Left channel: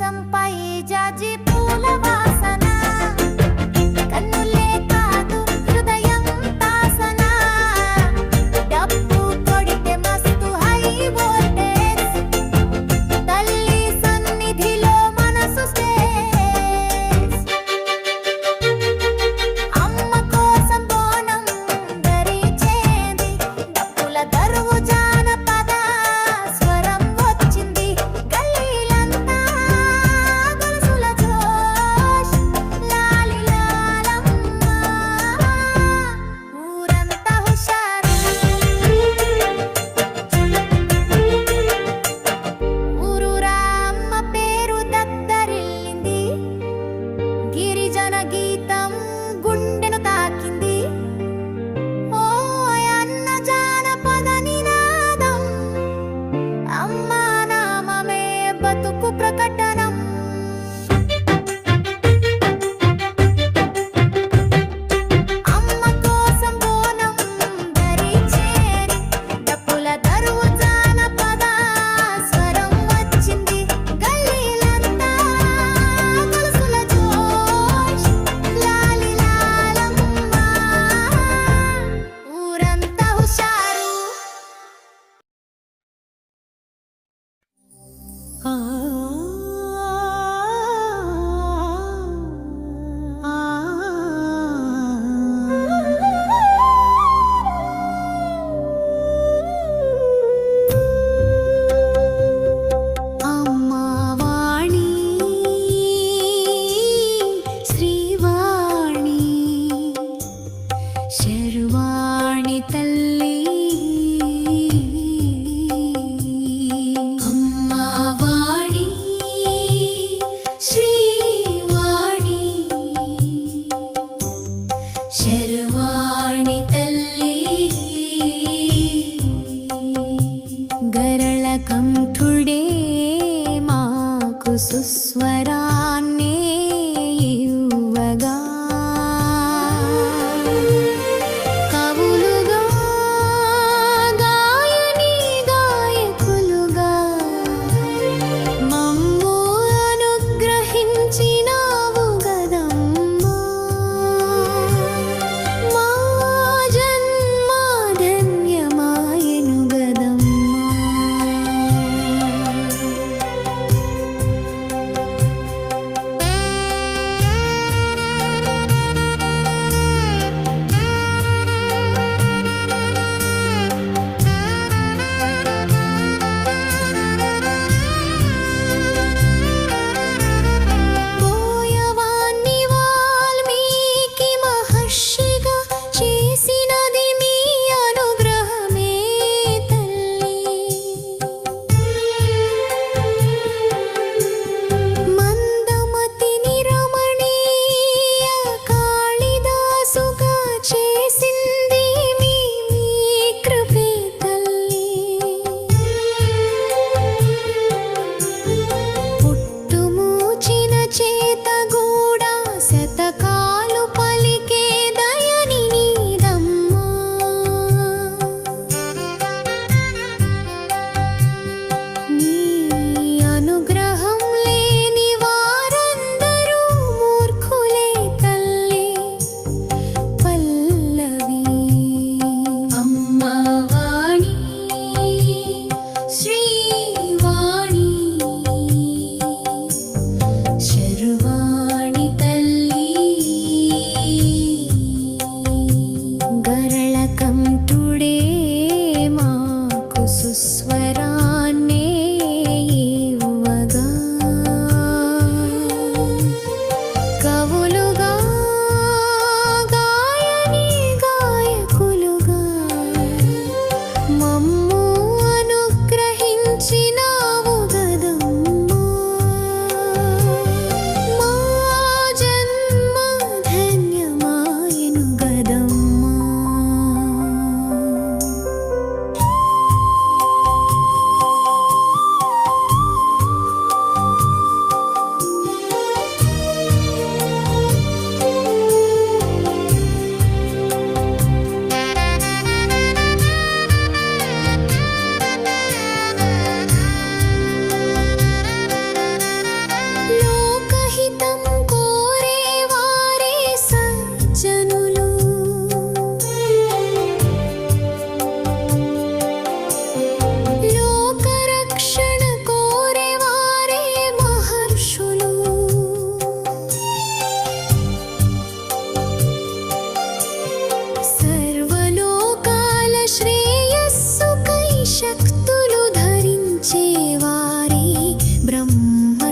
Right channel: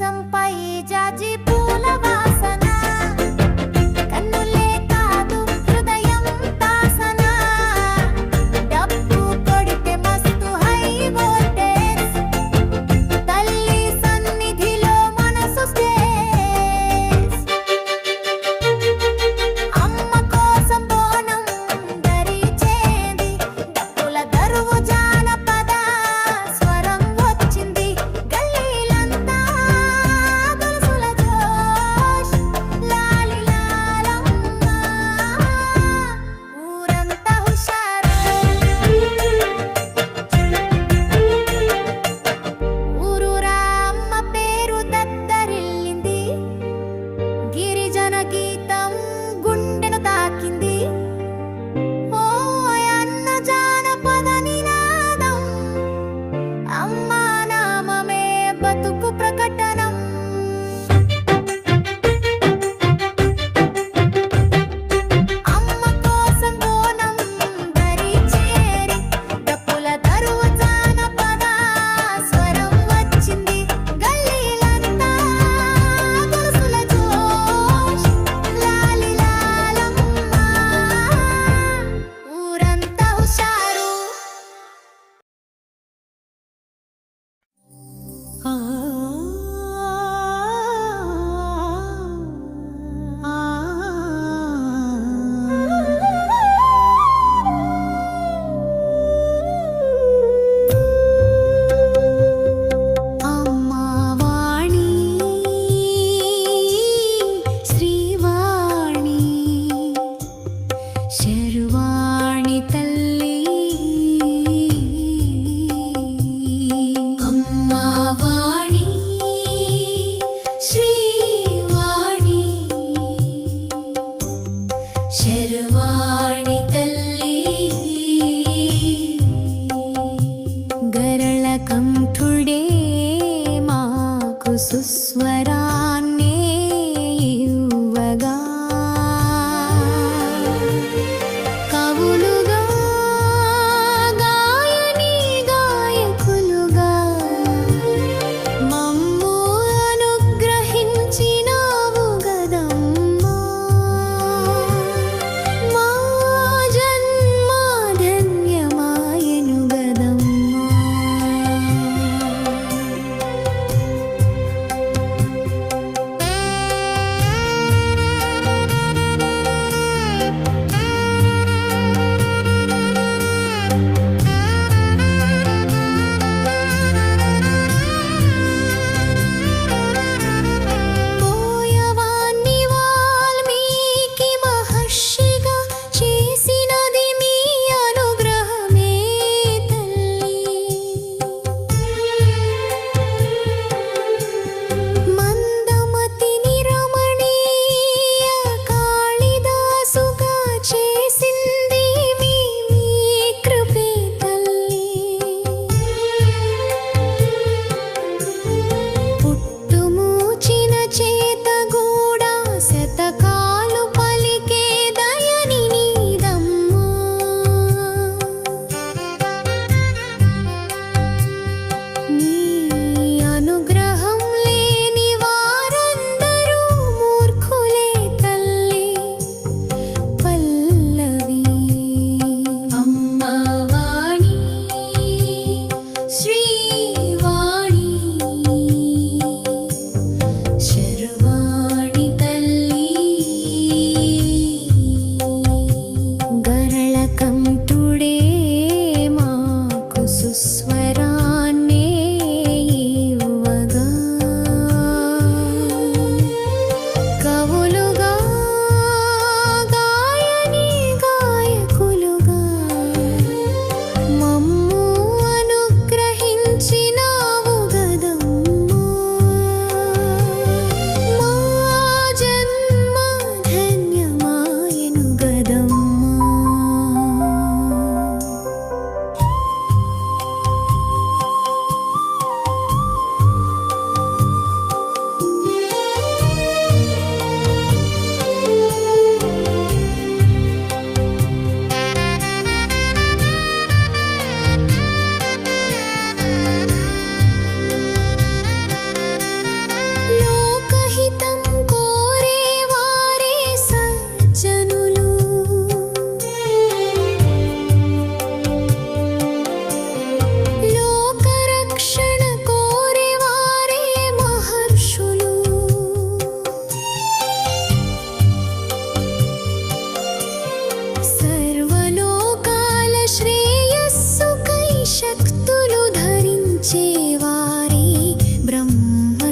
మంచంపై జాజి పూల వాసన, కన్నులే కాదు హృదయం తాసన, డప్పు కొడితే మస్తు హై వోల్టేజ్, తల్లి సన్నిధిలో మనసు స్టేజ్, అమ్మ కోసం బోనం ధరించేది, డప్పుల దరువు జానపద స్వరం వచ్చింది, గల్లీలంతా గొలుసుల జోష్, లాలి లాలమ్మ, ఊరంతా హుషారు. ఊరూరా అమ్మ పేరు దద్దరిల్లింది, గిరిజన గీతం గుండెను తాకింది, ఓ అన్న జానపద నినాదం, అమ్మా నామమే బతుకు ప్రకటనం. అమ్మ కోసం బోనం ధరించేరి, డప్పుల దరువు జానపద స్వరం వచ్చింది, గల్లీలంతా గొలుసుల జోష్, లాలి లాలమ్మ, ఊరంతా హుషారు. అమ్మవాణి శ్రీవాణి శర్వాణి తల్లి, అమ్మవాణి శ్రీవాణి శర్వాణి తల్లి, గరళ కంఠుడే మాకు సుస్వరాన్నే ఇవ్వగా, కవులుగా గాయని గాయకులుగా మమ్ము అనుగ్రహించినావు గదమ్మా, మా జన్మ ధన్యమాయను గదమ్మా.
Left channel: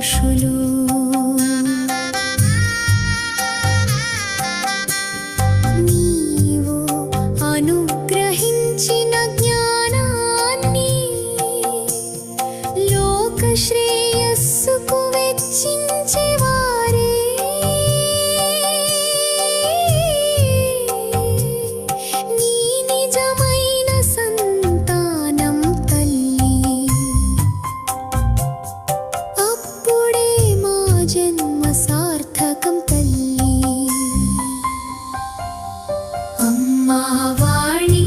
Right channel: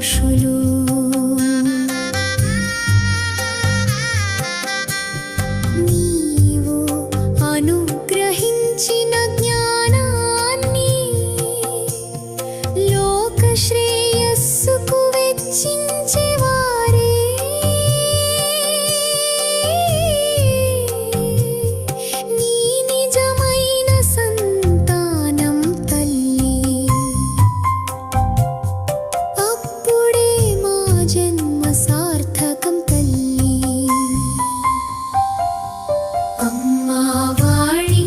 ఋషులు నీవు అనుగ్రహించిన జ్ఞానాన్ని లోక శ్రేయస్సుకు వెచ్చించేవారే నీ నిజమైన సంతానం తల్లి అప్పుడే మా జన్మ సార్థకం తల్లి అమ్మా వాణి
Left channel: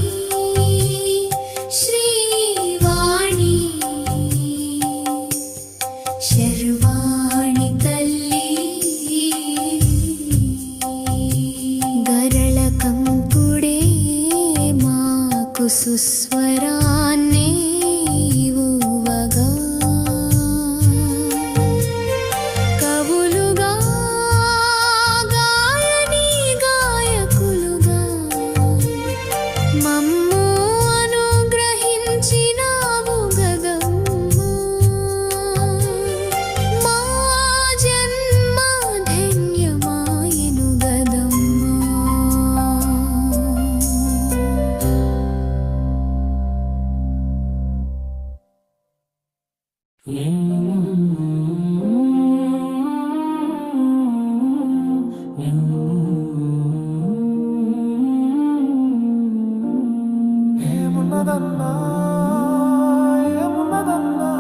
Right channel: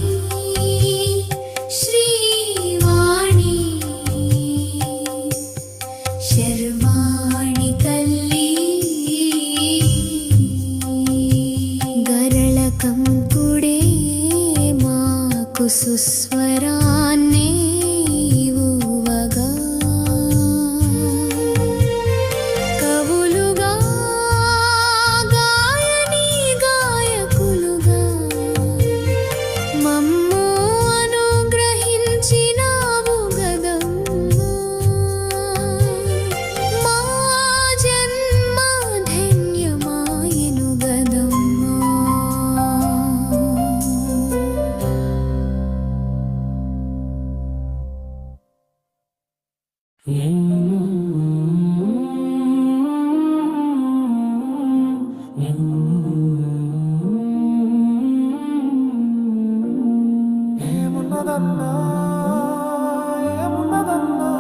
శ్రీవాణి శర్వాణి తల్లి గరళకంపుడే మాకు సుస్వరాన్నే ఇవ్వగా కవులుగా గాయని గాయకులుగా మమ్ము అనుగ్రహించినావు గదమ్మా మా జన్మ ధన్యమాయెను గదమ్మా ఏమున్నదన్నా ఏమున్నదన్నా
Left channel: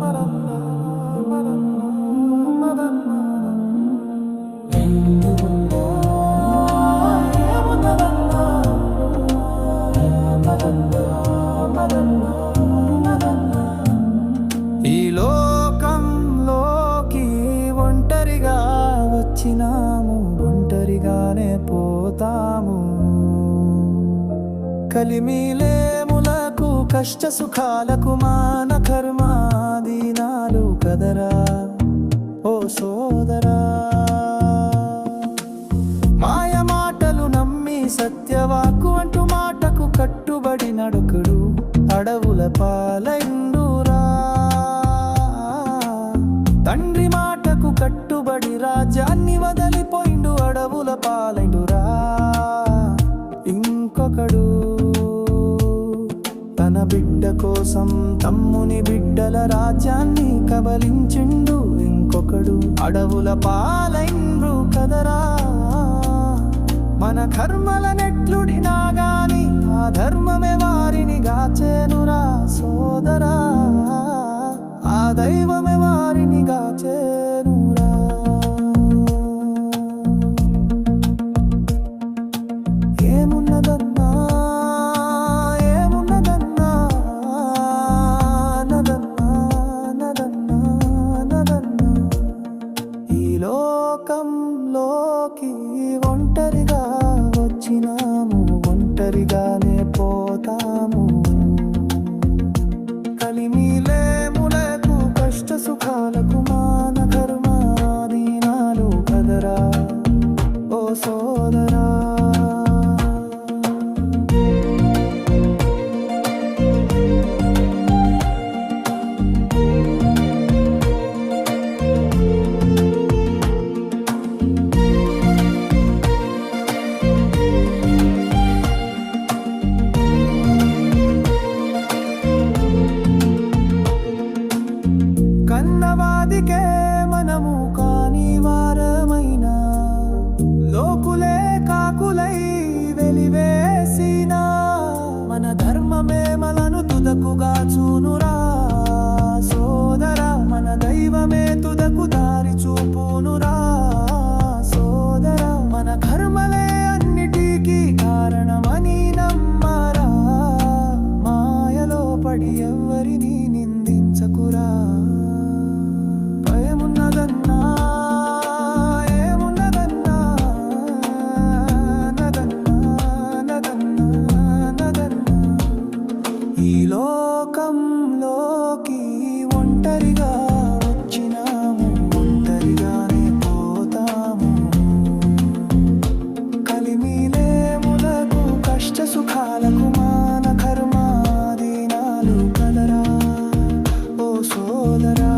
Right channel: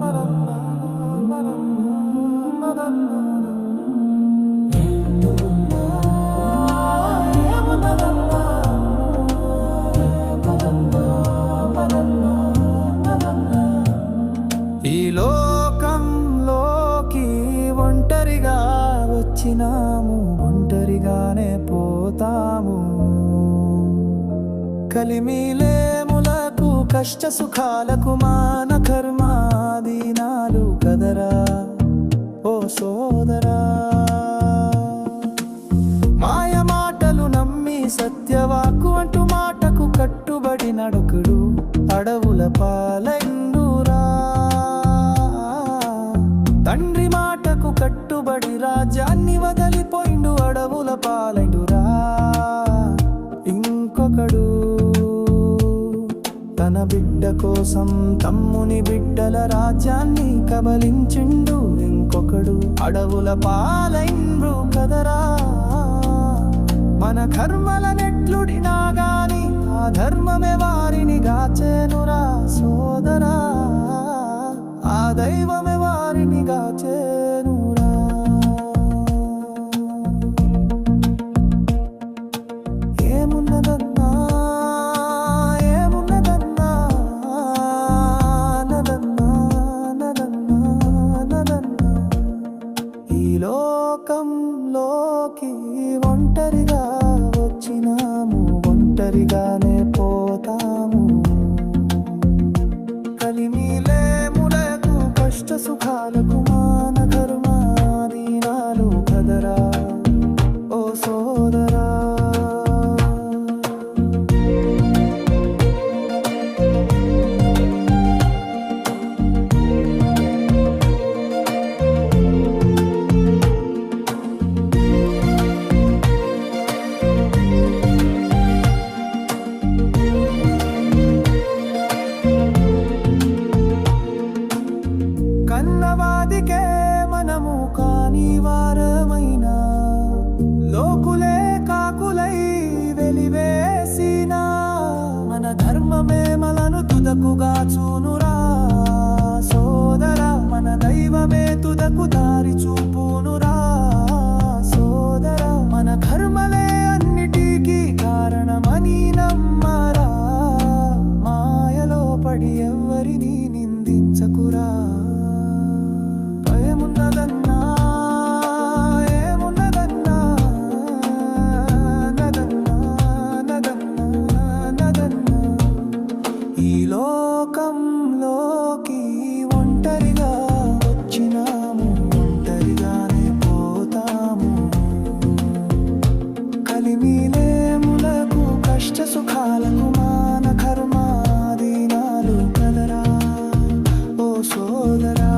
మరన్నా మరన్నా మరన్నా ఏమున్నదన్నా మరన్నా మరన్నా మరన్నా ఈ లోకంలోకి ఒంటరిగా వచ్చినాము ఒంటరిగానే పోతాము కలిమిలేములకు కష్ట సుఖాలకు మాన కర్మాదీనాలు కదరా ఓ సోదరా మాయ మాటలు నమ్మి సత్యవాక్కు అంటూ మాటకు కట్టుబడి నడకుడు అడవుల పాలైండురా తండ్రి మాటకు కట్టుబడి రాజ్యాన్ని వదిలిపోయిండు అడవుల పాలైండురా ఇంకొకడు తన బిడ్డ కోసం తమ్ముని బిడ్డల రాజ్యాన్ని కబలించిండు ఇంకొకడు అడవుల పాలైండ్రు కదరా మన కర్మల నెట్లుడినా గాని ఆ ధర్మమే వారిని గాచేనురా సోదరా ఆ దైవమే వారిని గాచేనురా ఏమున్నదన్నా ఏమున్నదన్నా నదన్నా నదన్నా నదన్నా ఈ లోకంలోకి ఒంటరిగా వచ్చినాము ఒంటరిగానే పోతాము కలిమిలేములకు కష్ట సుఖాలకు మాన కర్మాదీనాలు కదరా ఓ సోదరా కన్నవాదికే మనము కాని వారమైనా లోకులే కాకులై వెలివేసినా మన ధర్మమే మనను తుదకుగా చూనురా సోదరా మన దైవమే తుదకు దారి చూపునురా సోదరా మన కర్మలే అన్నిటికీ కారణమని నమ్మరా మాయలో పడి ఎవ్వరిని నిందించకురా ఏమున్నదన్నా ఏమున్నదన్నా నదన్నా నదన్నా నదన్నా ఈ లోకంలోకి ఒంటరిగా వచ్చినాము ఒంటరిగానే పోతాము కలిమిలేములకు కష్ట సుఖాలకు మాన కర్మాదీనాలు కదరా ఓ సోదరా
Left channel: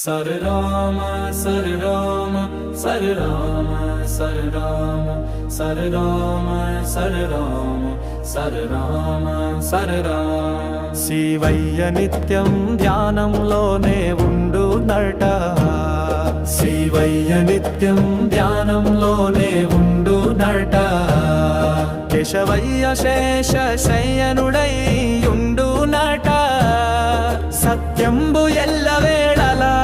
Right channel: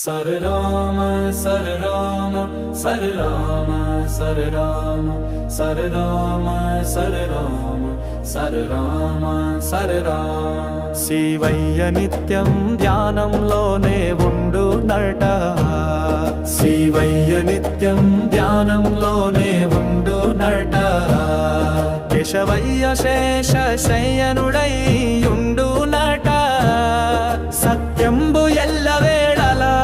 Sare Rama, Sare Rama, Sare Rama, Sare Rama, Sare Rama, Sare Rama, Sare Rama, Sare Rama. Shivayya నిత్యం ధ్యానంలోనే ఉండునట, శివయ్య నిత్యం ధ్యానంలోనే ఉండునట, కేశవయ్య శేష శయనుడై ఉండునట, సత్యంబు ఎల్లవేళలా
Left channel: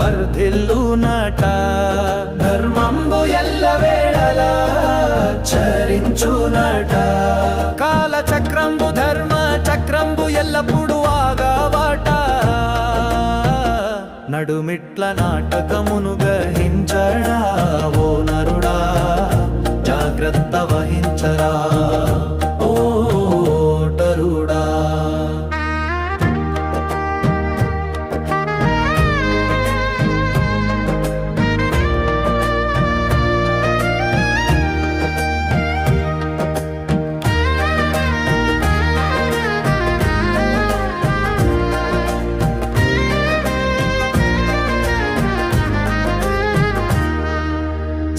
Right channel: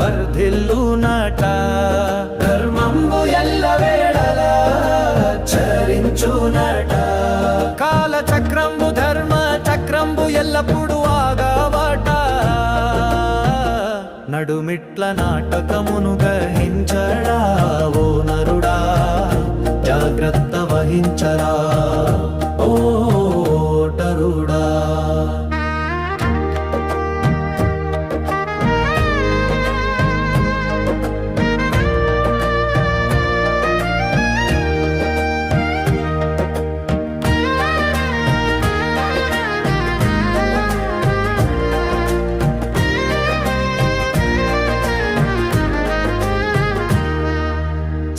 వర్ధిల్లునట, ధర్మంబు ఎల్లవేళలా చరించునట, కాల చక్రంబు ధర్మ చక్రంబు ఎల్లప్పుడు ఆగావట, నడుమిట్ల నాటకమును గ్రహించడా ఓ నరుడా, జాగ్రత్త వహించరా ఓ ఓటరుడా.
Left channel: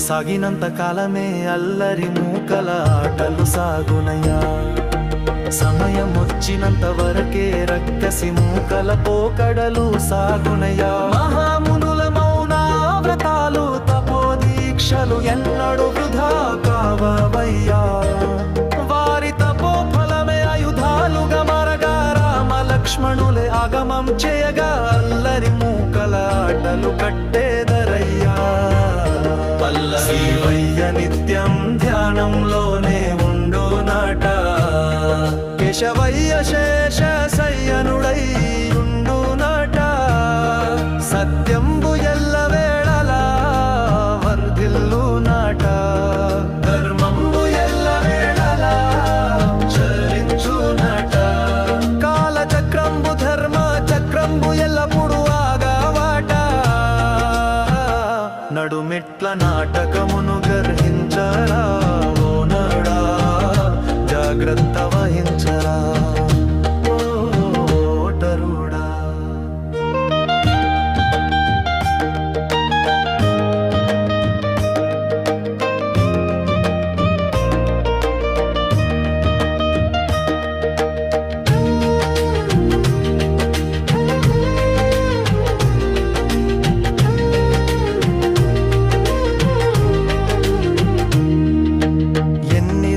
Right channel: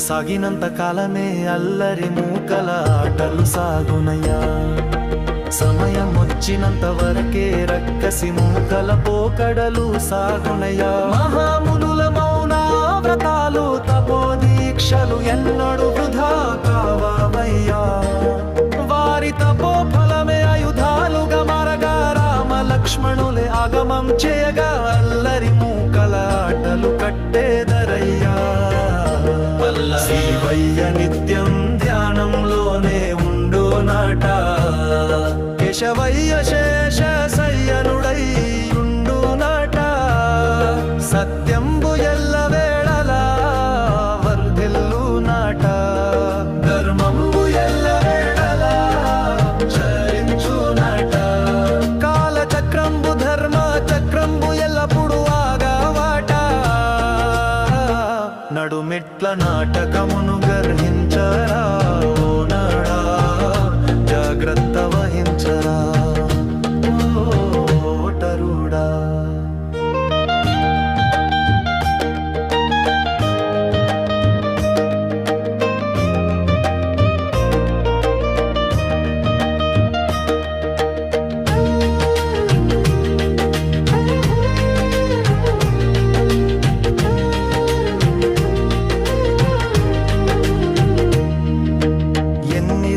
సాగినంత కాలమే అల్లరి మూకల ఆటలు సాగునయ్యా, సమయం వచ్చినంత వరకే రక్కసి మూకల పోకడలు సాగునయ్యా, మహామునుల మౌన వ్రతాలు తపోదీక్షలు ఎన్నడు వృధా కావయ్యా, వారి తపో ఫలమే ఆయుధాలుగా మరగా రామ లక్ష్మణులే ఆగమం చేయగా అల్లరి మూకల ఆటలు కట్టేదరయ్యా. శివయ్య నిత్యం ధ్యానంలోనే ఉండునట, కేశవయ్య శేష శయనుడై ఉండునట, సత్యంబు ఎల్లవేళలా వర్ధిల్లునట, ధర్మంబు ఎల్లవేళలా చరించునట, కాల చక్రంబు ధర్మ చక్రంబు ఎల్లప్పుడు ఆగావట, నడుమిట్ల నాటకమును గర్హించరా ఓ నరుడా, జాగ్రత్త వహించరా ఓ ఓటరుడా.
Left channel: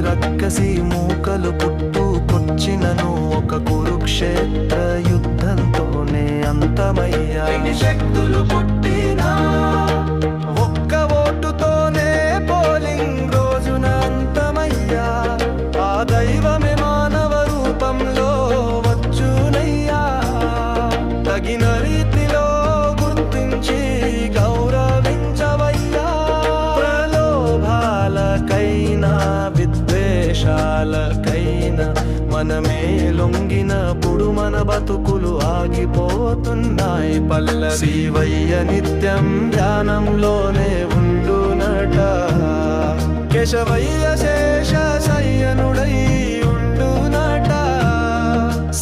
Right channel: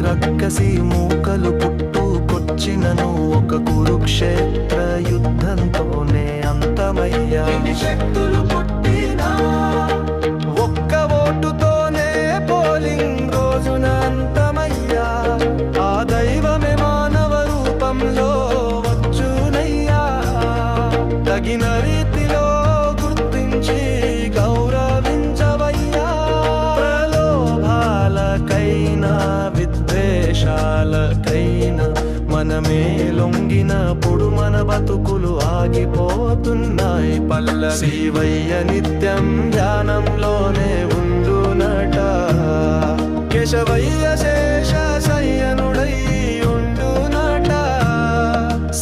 రక్కసి మూకలు పుట్టుకొచ్చినను ఒక కురుక్షేత్ర యుద్ధంతోనే అంతమయ్యా, ఎన్ని శక్తులు పుట్టినా ఒక్క ఓటుతోనే పోలింగ్ రోజున అంతమయ్యా, ఆ దైవమే మానవ రూపంలో వచ్చునయ్యా, తగిన రీతిలో గుర్తించి గౌరవించవయ్యా, ప్రలోభాలకైనా విద్వేషాలకైనా మనమే లొంగినప్పుడు మన బతుకులు ఆగిపోతున్నాయి. శివయ్య నిత్యం ధ్యానంలోనే ఉండునట, కేశవయ్య శేష శయనుడై ఉండునట,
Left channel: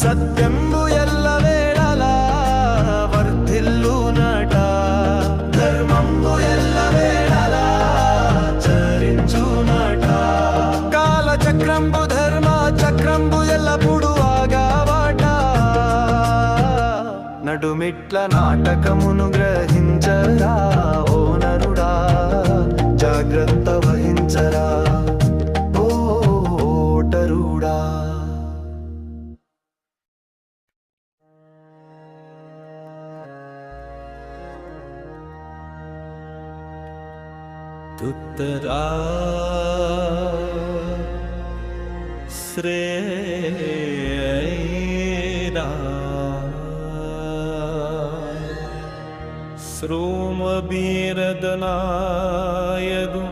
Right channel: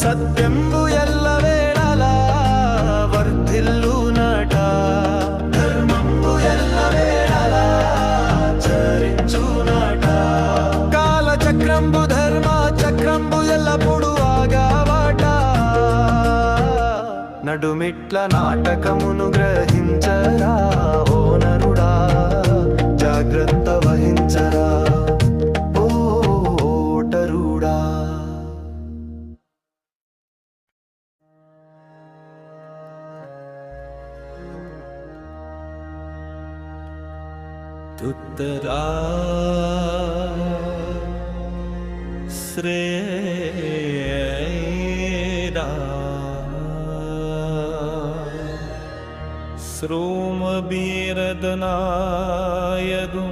సత్యంబు ఎల్లవేళలా వర్ధిల్లునట, ధర్మంబు ఎల్లవేళలా చరించునట, కాల చక్రంబు ధర్మ చక్రంబు ఎల్లప్పుడు ఆగావట, నడుమిట్ల నాటకమును గ్రహించరా ఓ నరుడా, జాగ్రత్త వహించరా ఓ ఓటరుడా. తుత్తరా శ్రేరా ശ്രോമബീരദനായകു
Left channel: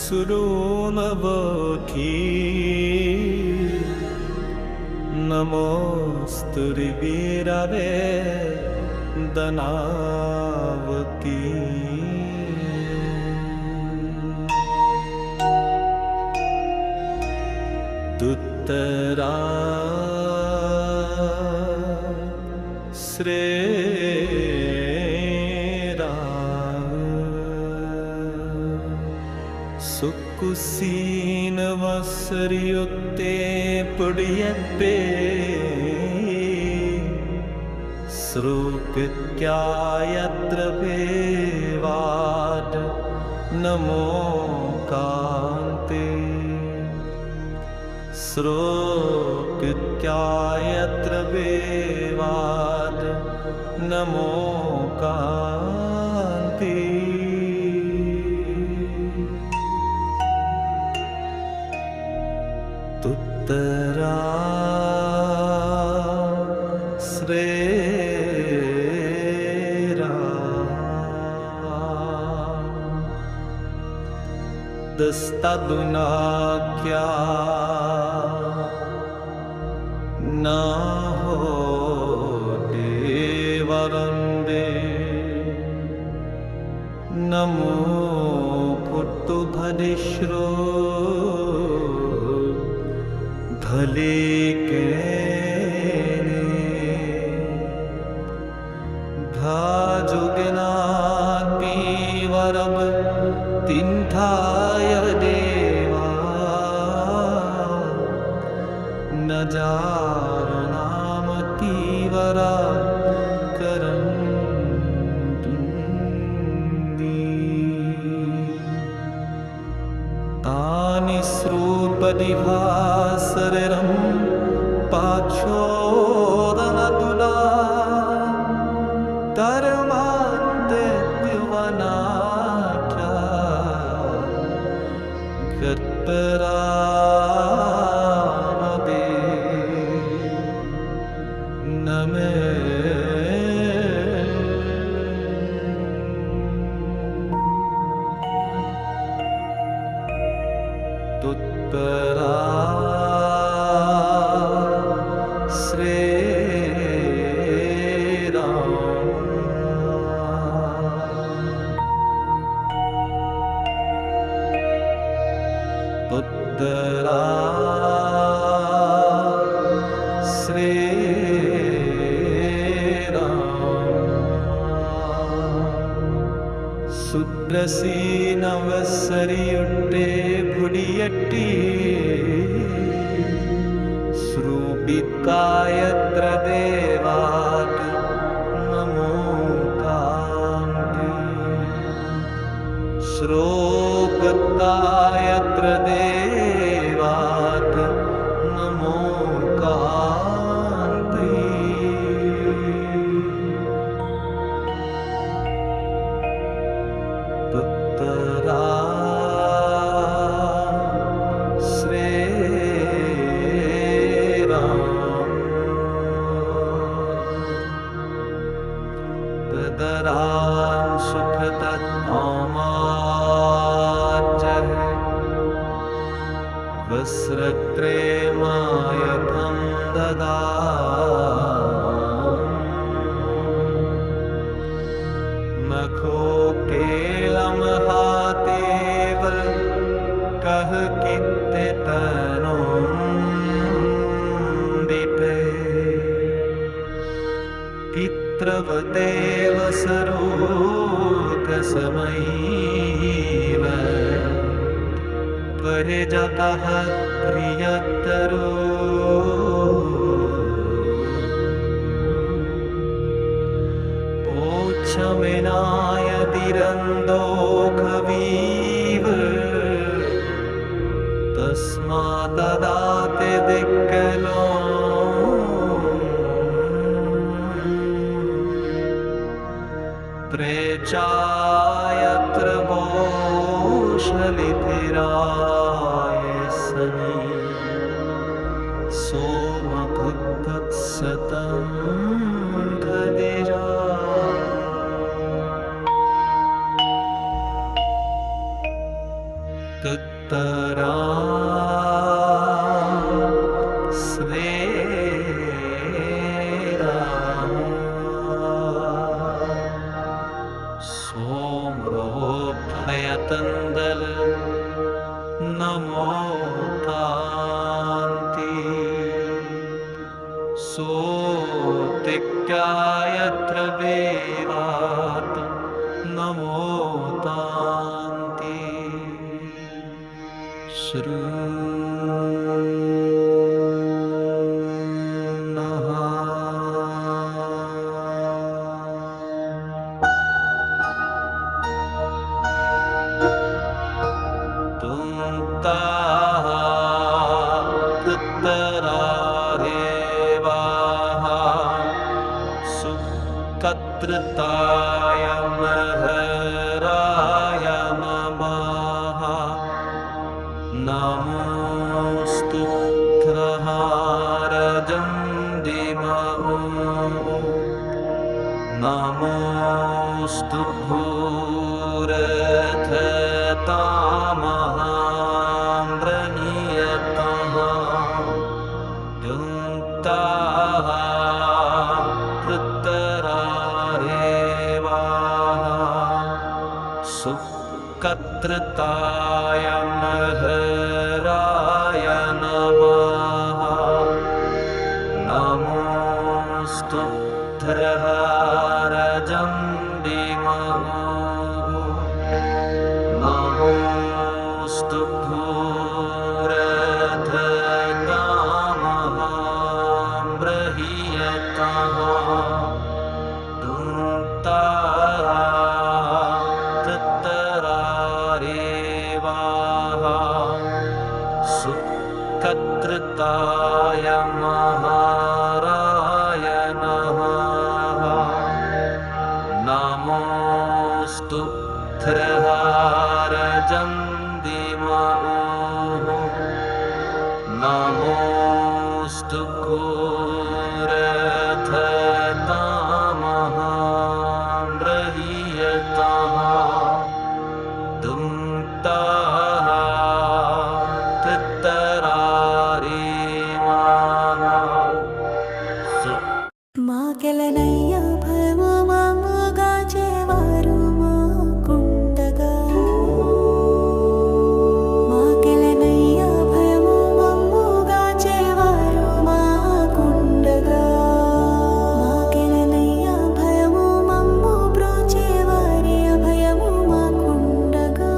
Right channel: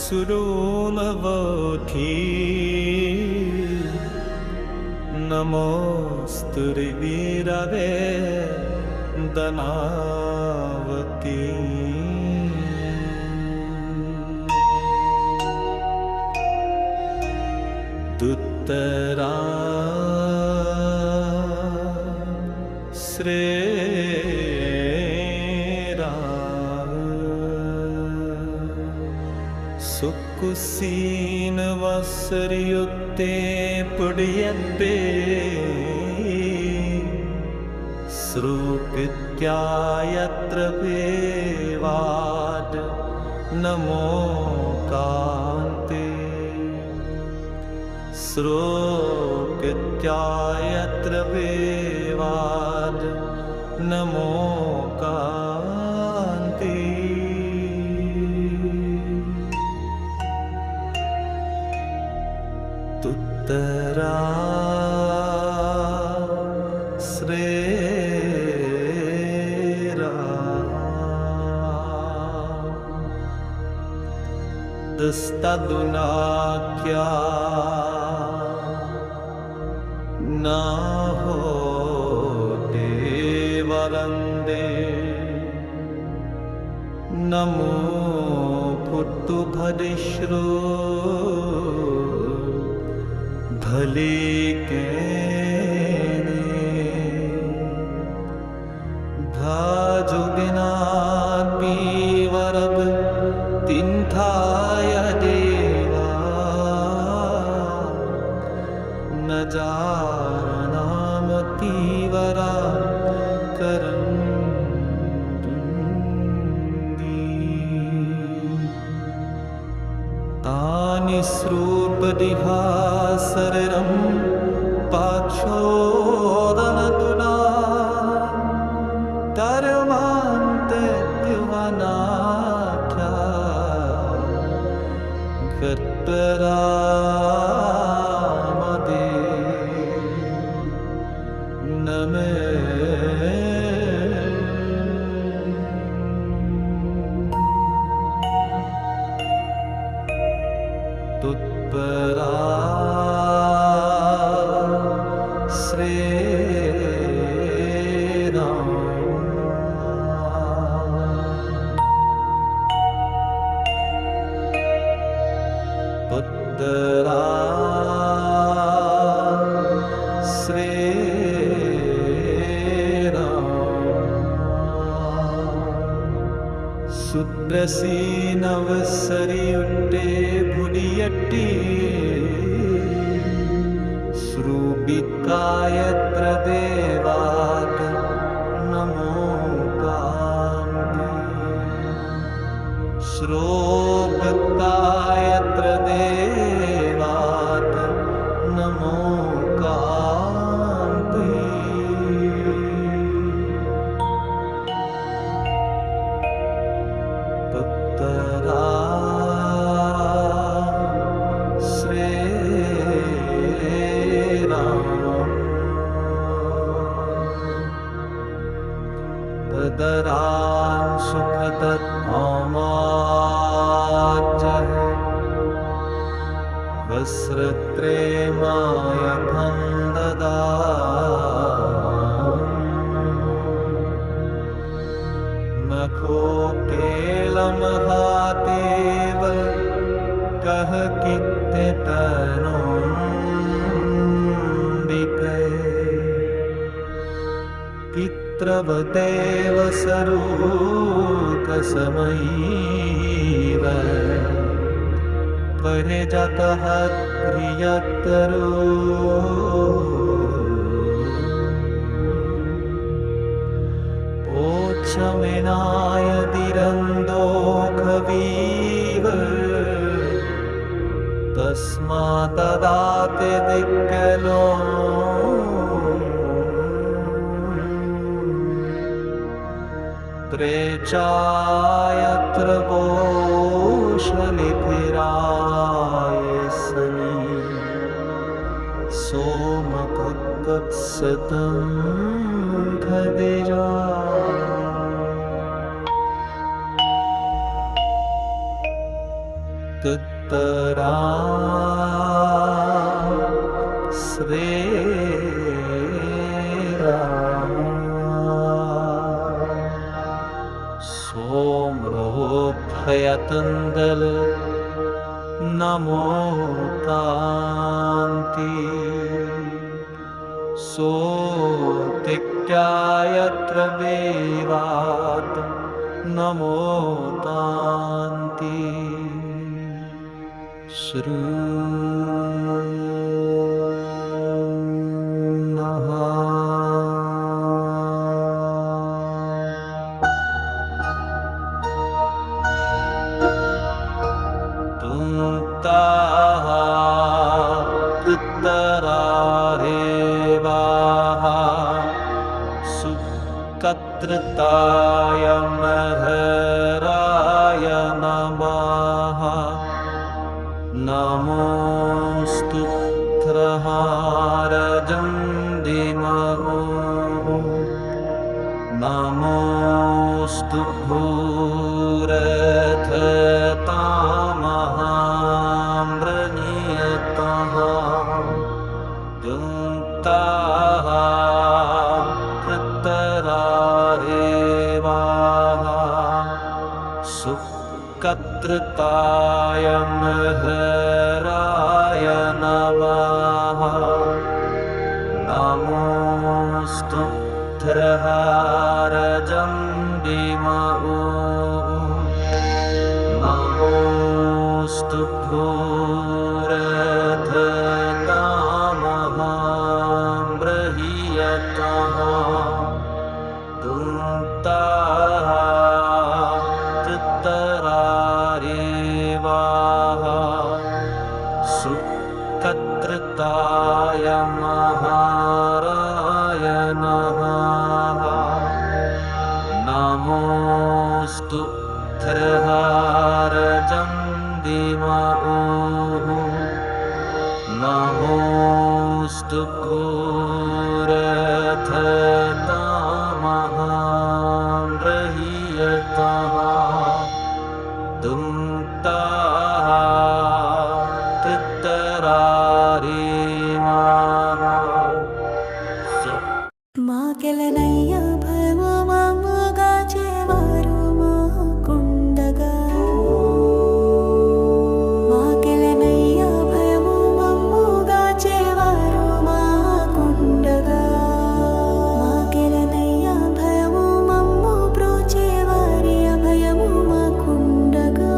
സുരൂമവോഖി നമോസ്തുരി വീരവേ ദനാവകി దుత్తరా శ్రేరా कुसीन वसरियुक्ते पुड्यत्ते श्रुकृत्यायत्र भेवाड नमो कान्ते श्रुकृत्यायत्र भेवाड नमो कान्ते तुत्तरा दस्तदुनाख्या न होते वरंदे नमो पुट्टु भदिश्रो भले केने भाजुगना पीवरब तिन्थाय देवा न जारनाम तीवरा करं तानि श्रूपदिभासरं पाक्षोदनतुदान् तरमान्तेत्युवनाख्यान् गत्परामदे न मे तुत्परा श्रीराम तुत्तरा श्रीराम सुप्रसीनवसरियुट्टे भुडियट्टी श्रुबित्कायत्र देवात् नमो कान्ति श्रोगतायत्र देवात् नमो कान्ति पुत्तरा श्रीराम पदरां सुखतत्माजः वस्त्रत्रेमायफं ददाम् मखो केलमहातेवल कह कित्ते तनुन्दीपे कित्रवतेव सरूकसमयीव त्वरे जातः प्रियतरू ओच्छमेनाय दिरन्दोखवीव तस्मात्तदाते दिक्कलो त्रेचायत्र बोशलिफिराय सनी सोमभुक्सतं खदेजा तुत्तरा श्रीराम सोम्रोभयतन्दल नमो तान्ति सोतिक्यायत्र विवात नमो तान्ति శృణ్మః తుంతాః తృత్తరారేవాః సుకత్రతాయ మహరాయ నమః నమోస్తు త్రహారజం దిమఊ నమోస్తు భూరథతామహామ్రణీయతః యుంతాః తృత్తరారేవాః సుకత్రతాయ మహరాయ నమః నమోస్తు త్రహారజం దిమఊ నమోస్తు భూరథతామహామ్రణీయతః దుంతాః తృత్తరారేవాః సుకత్రతాయ మహారాయ నమః నమోస్తు త్రహారజం దిమఊ నమోస్తు భూరథతామహామ్రణీయతః తుంతాః తృత్తరారేవాః మాకెలనయ్య భయము మమ్ముగా చేవారు మాకుండగా మాకెలనయ్య భయము మమ్ముగా చేవారు మాకుండగా మాకెలనయ్య భయము మమ్ము బ్రోచేవారి అభయము మాకుండగా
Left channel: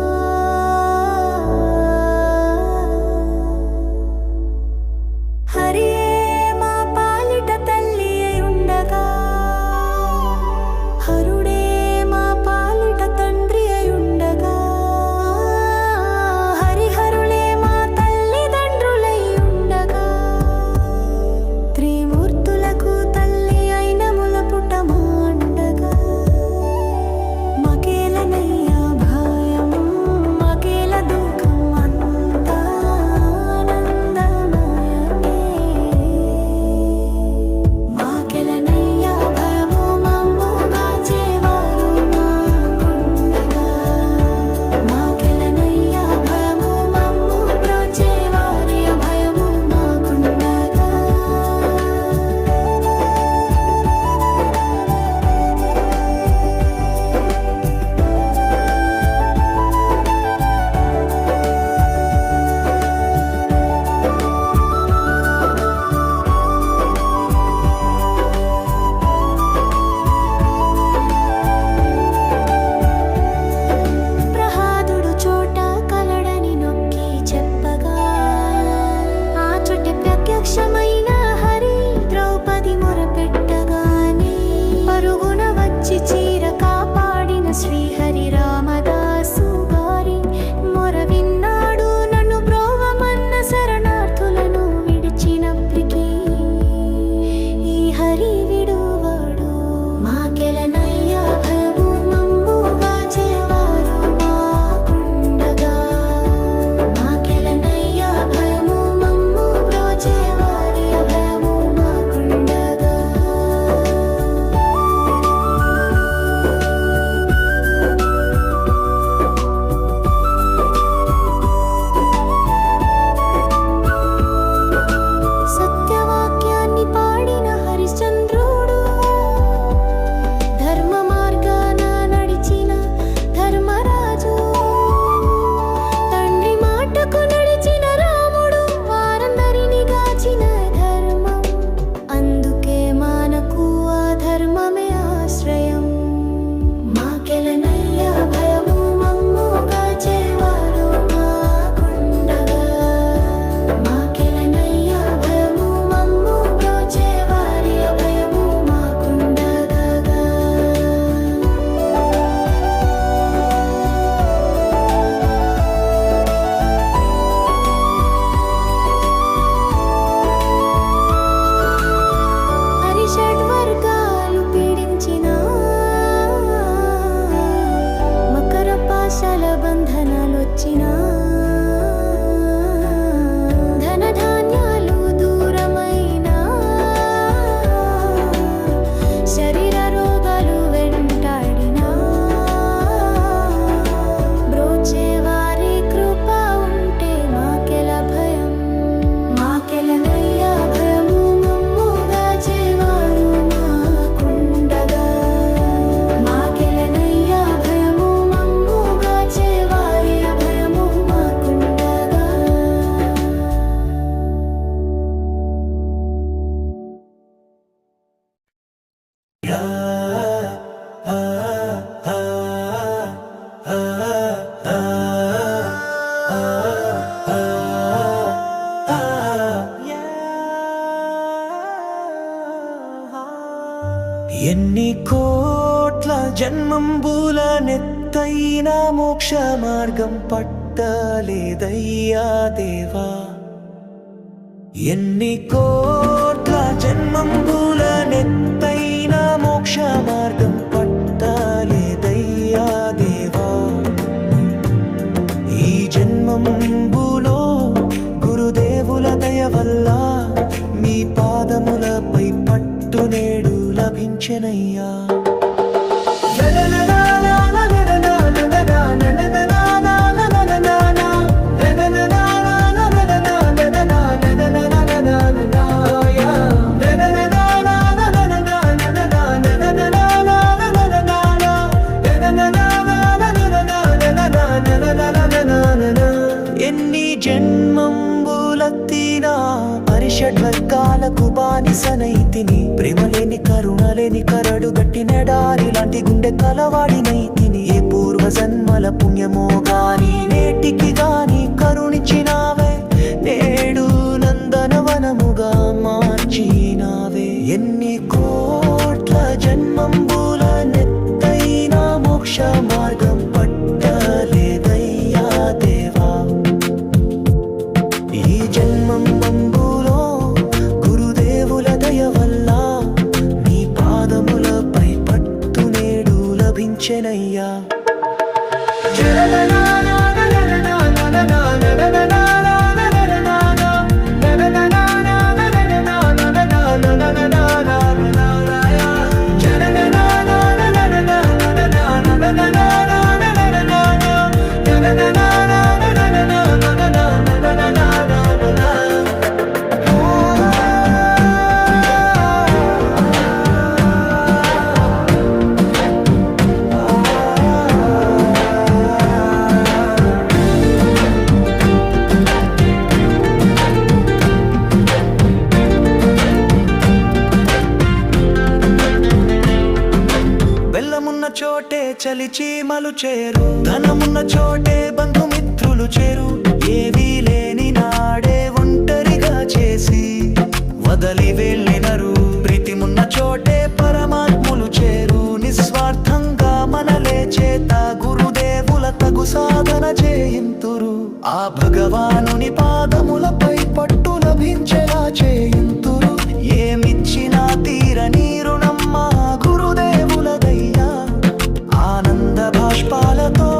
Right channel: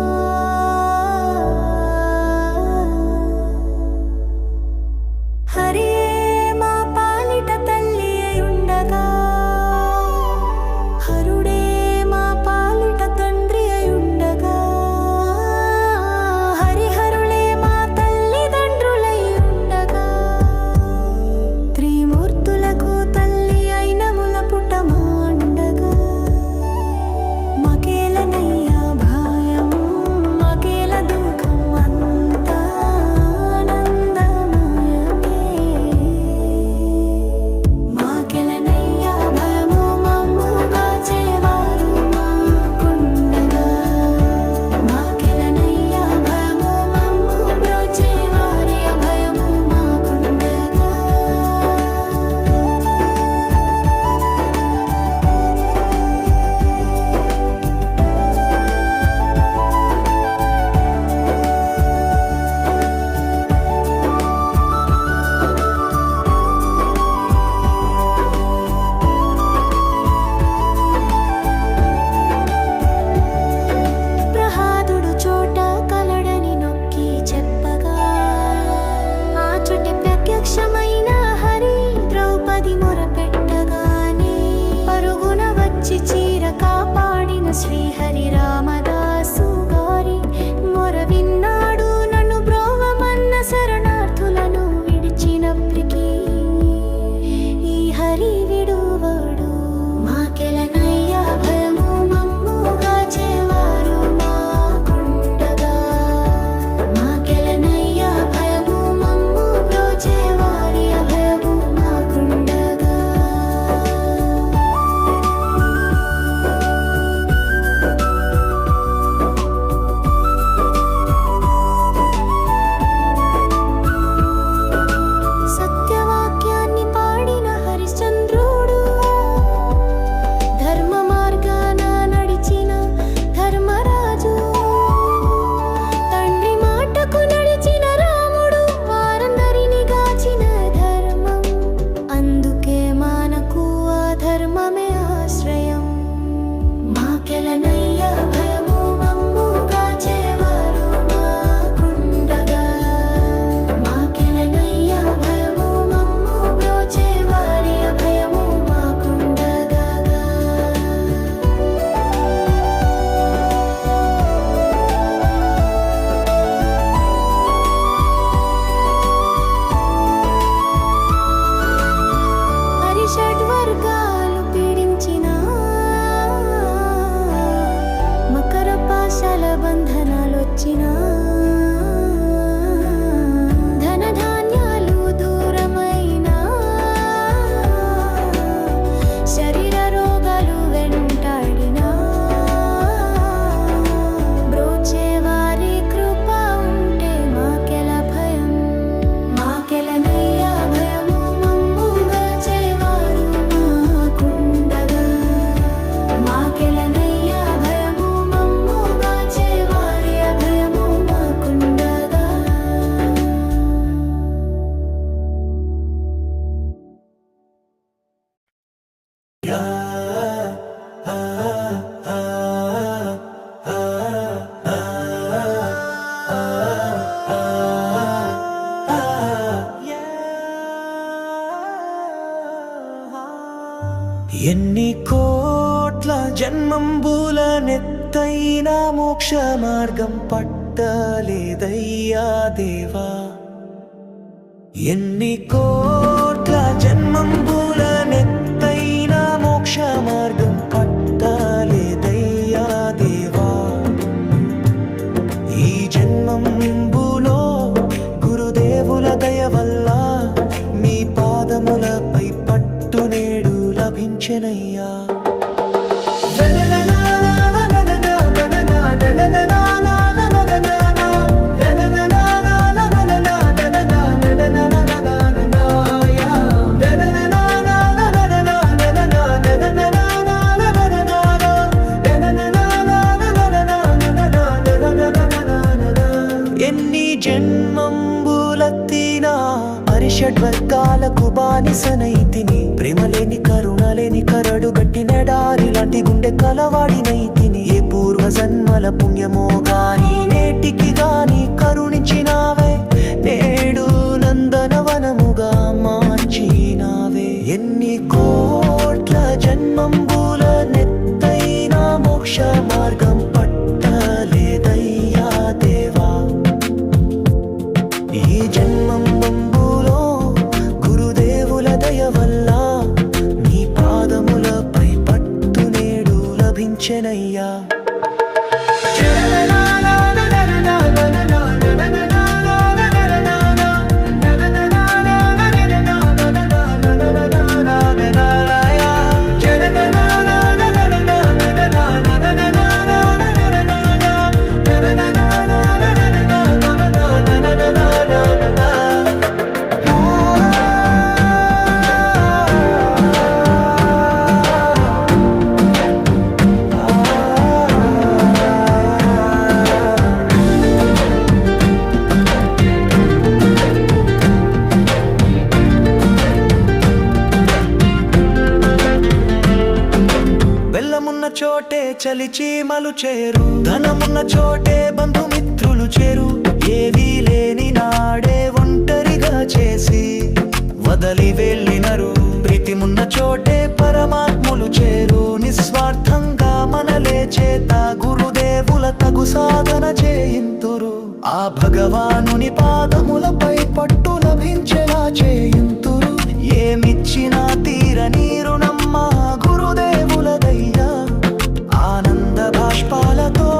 హరియే మా పాలిట తల్లి అయుండగా హరుడే మా పాలిట తండ్రి అయుండగా హరిహరులే మా తల్లిదండ్రులై ఉండగా త్రిమూర్తులకు తల్లి అయిన ములపుట మాండగా మకేలనయ్యా భయం మకేల దుఃఖం అంతా ఆనందమయమే మాకెలనయ్యా భయము మమ్ముగా చేవారు మాకుండగా మాకెలనయ్యా భయము మమ్ము బ్రోచేవారి అభయము మాకుండగా ప్రహాదుడు చోట కలడని నొక్కి చెప్పగా ఆ చోట ప్రత్యక్షమైన హరి ద్రౌపది మొరపెట్టగానే పరుగున వచ్చి చీర కాపాడిన శ్రీహరి రామదాసు గారి మొర విన్నాడు నన్ను బ్రోవమన్న శరణార్థులను విడిచినప్పటికీ ఈ హరి విడువాడు మాకెలనయ్యా భయము మమ్ముగా చేవారు మాకుండగా మాకెలనయ్యా భయము మమ్ము బ్రోచేవారి అభయము మాకుండగా సత్యవాక్యాన్ని పాడిన హరిశ్చంద్రుడు ఎన్ని కోట్ల జన్మంబుల నెత్తైన మోక్ష మార్గం పట్టలేదయ్యా దేవా. ఎన్ని కోట్ల జన్మంబుల నెత్తైన మోక్ష మార్గం పట్టలేదయ్యా దేవా. ఈ జన్మంబులో గురుదేవుల దయ వల్ల మీ పాదములపై పట్టు నేడు లభించెనయ్యా. ఎన్ని జన్మంబులెత్తినా అరిషడ్వర్గాలకు బానిసనైతిని. ప్రేమలేని కరుణలేని కరడు గట్టి నెడారి లాంటి గుండె కలవాడినైతిని. ఏ పూర్వజన్మల పుణ్యమో గాని నేటికి గాని కరుణించినావే, నేడు నందనవనముగా మార్చినావే. ఎన్ని కోట్ల జన్మంబుల నెత్తైన మోక్ష మార్గం పట్టలేదయ్యా దేవా. ఈ జన్మంబులో గురుదేవుల దయ వల్ల నీ పాదములపై పట్టు నేడు లభించెనయ్యా. బెల్లమున్న చోటే చలిచీమలు చేరు, ధనమున్న చోటే బంధుమిత్రులు చేరు. ఏవీ లేని నాడే ఒంటరిగా చేసి వదలి వెళ్ళినరు. ప్రీతిమున్న చోటే పరమాత్ములు చేరు. నిస్వార్థంగా మనలే చేత గురుదేవుల తగు సాధన చేయింతురు. ఆ భగవానుని పాదములపై పట్టు లభించేలా చేయింతురు. ఏమిచ్చినా తీరని రుణమ్మ గురుదేవులదయ్యా. ఆనంద భాష్పాలతో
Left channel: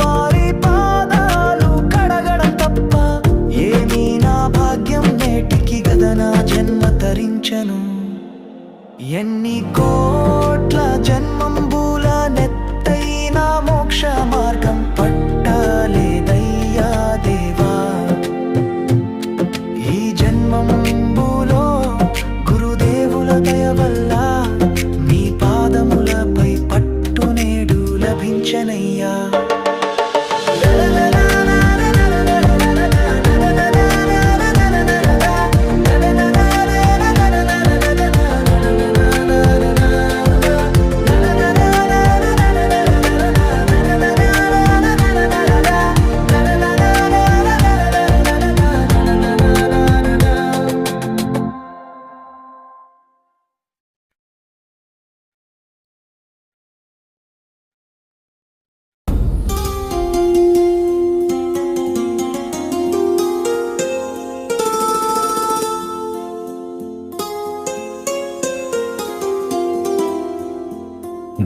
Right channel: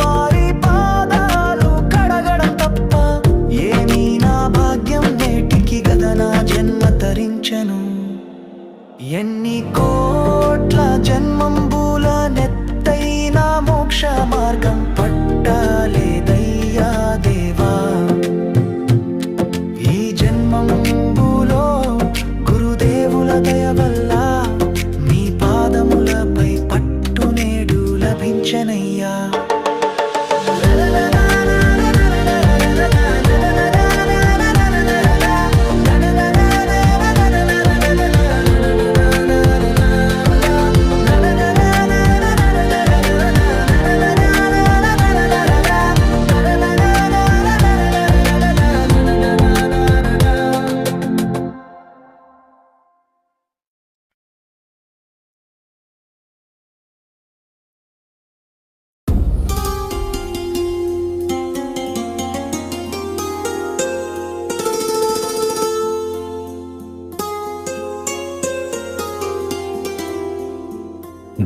వారి పాదాలు కడగడం తప్ప ఏమీ నా భాగ్యం నేటికి గదనా జన్మ తరించను. ఎన్ని కోట్ల జన్మంబుల నెత్తైన మోక్ష మార్గం పట్టలేదయ్యా దేవా. ఈ జన్మంబులో గురుదేవుల దయ వల్ల మీ పాదములపై పట్టు నేడు లభించెనయ్యా.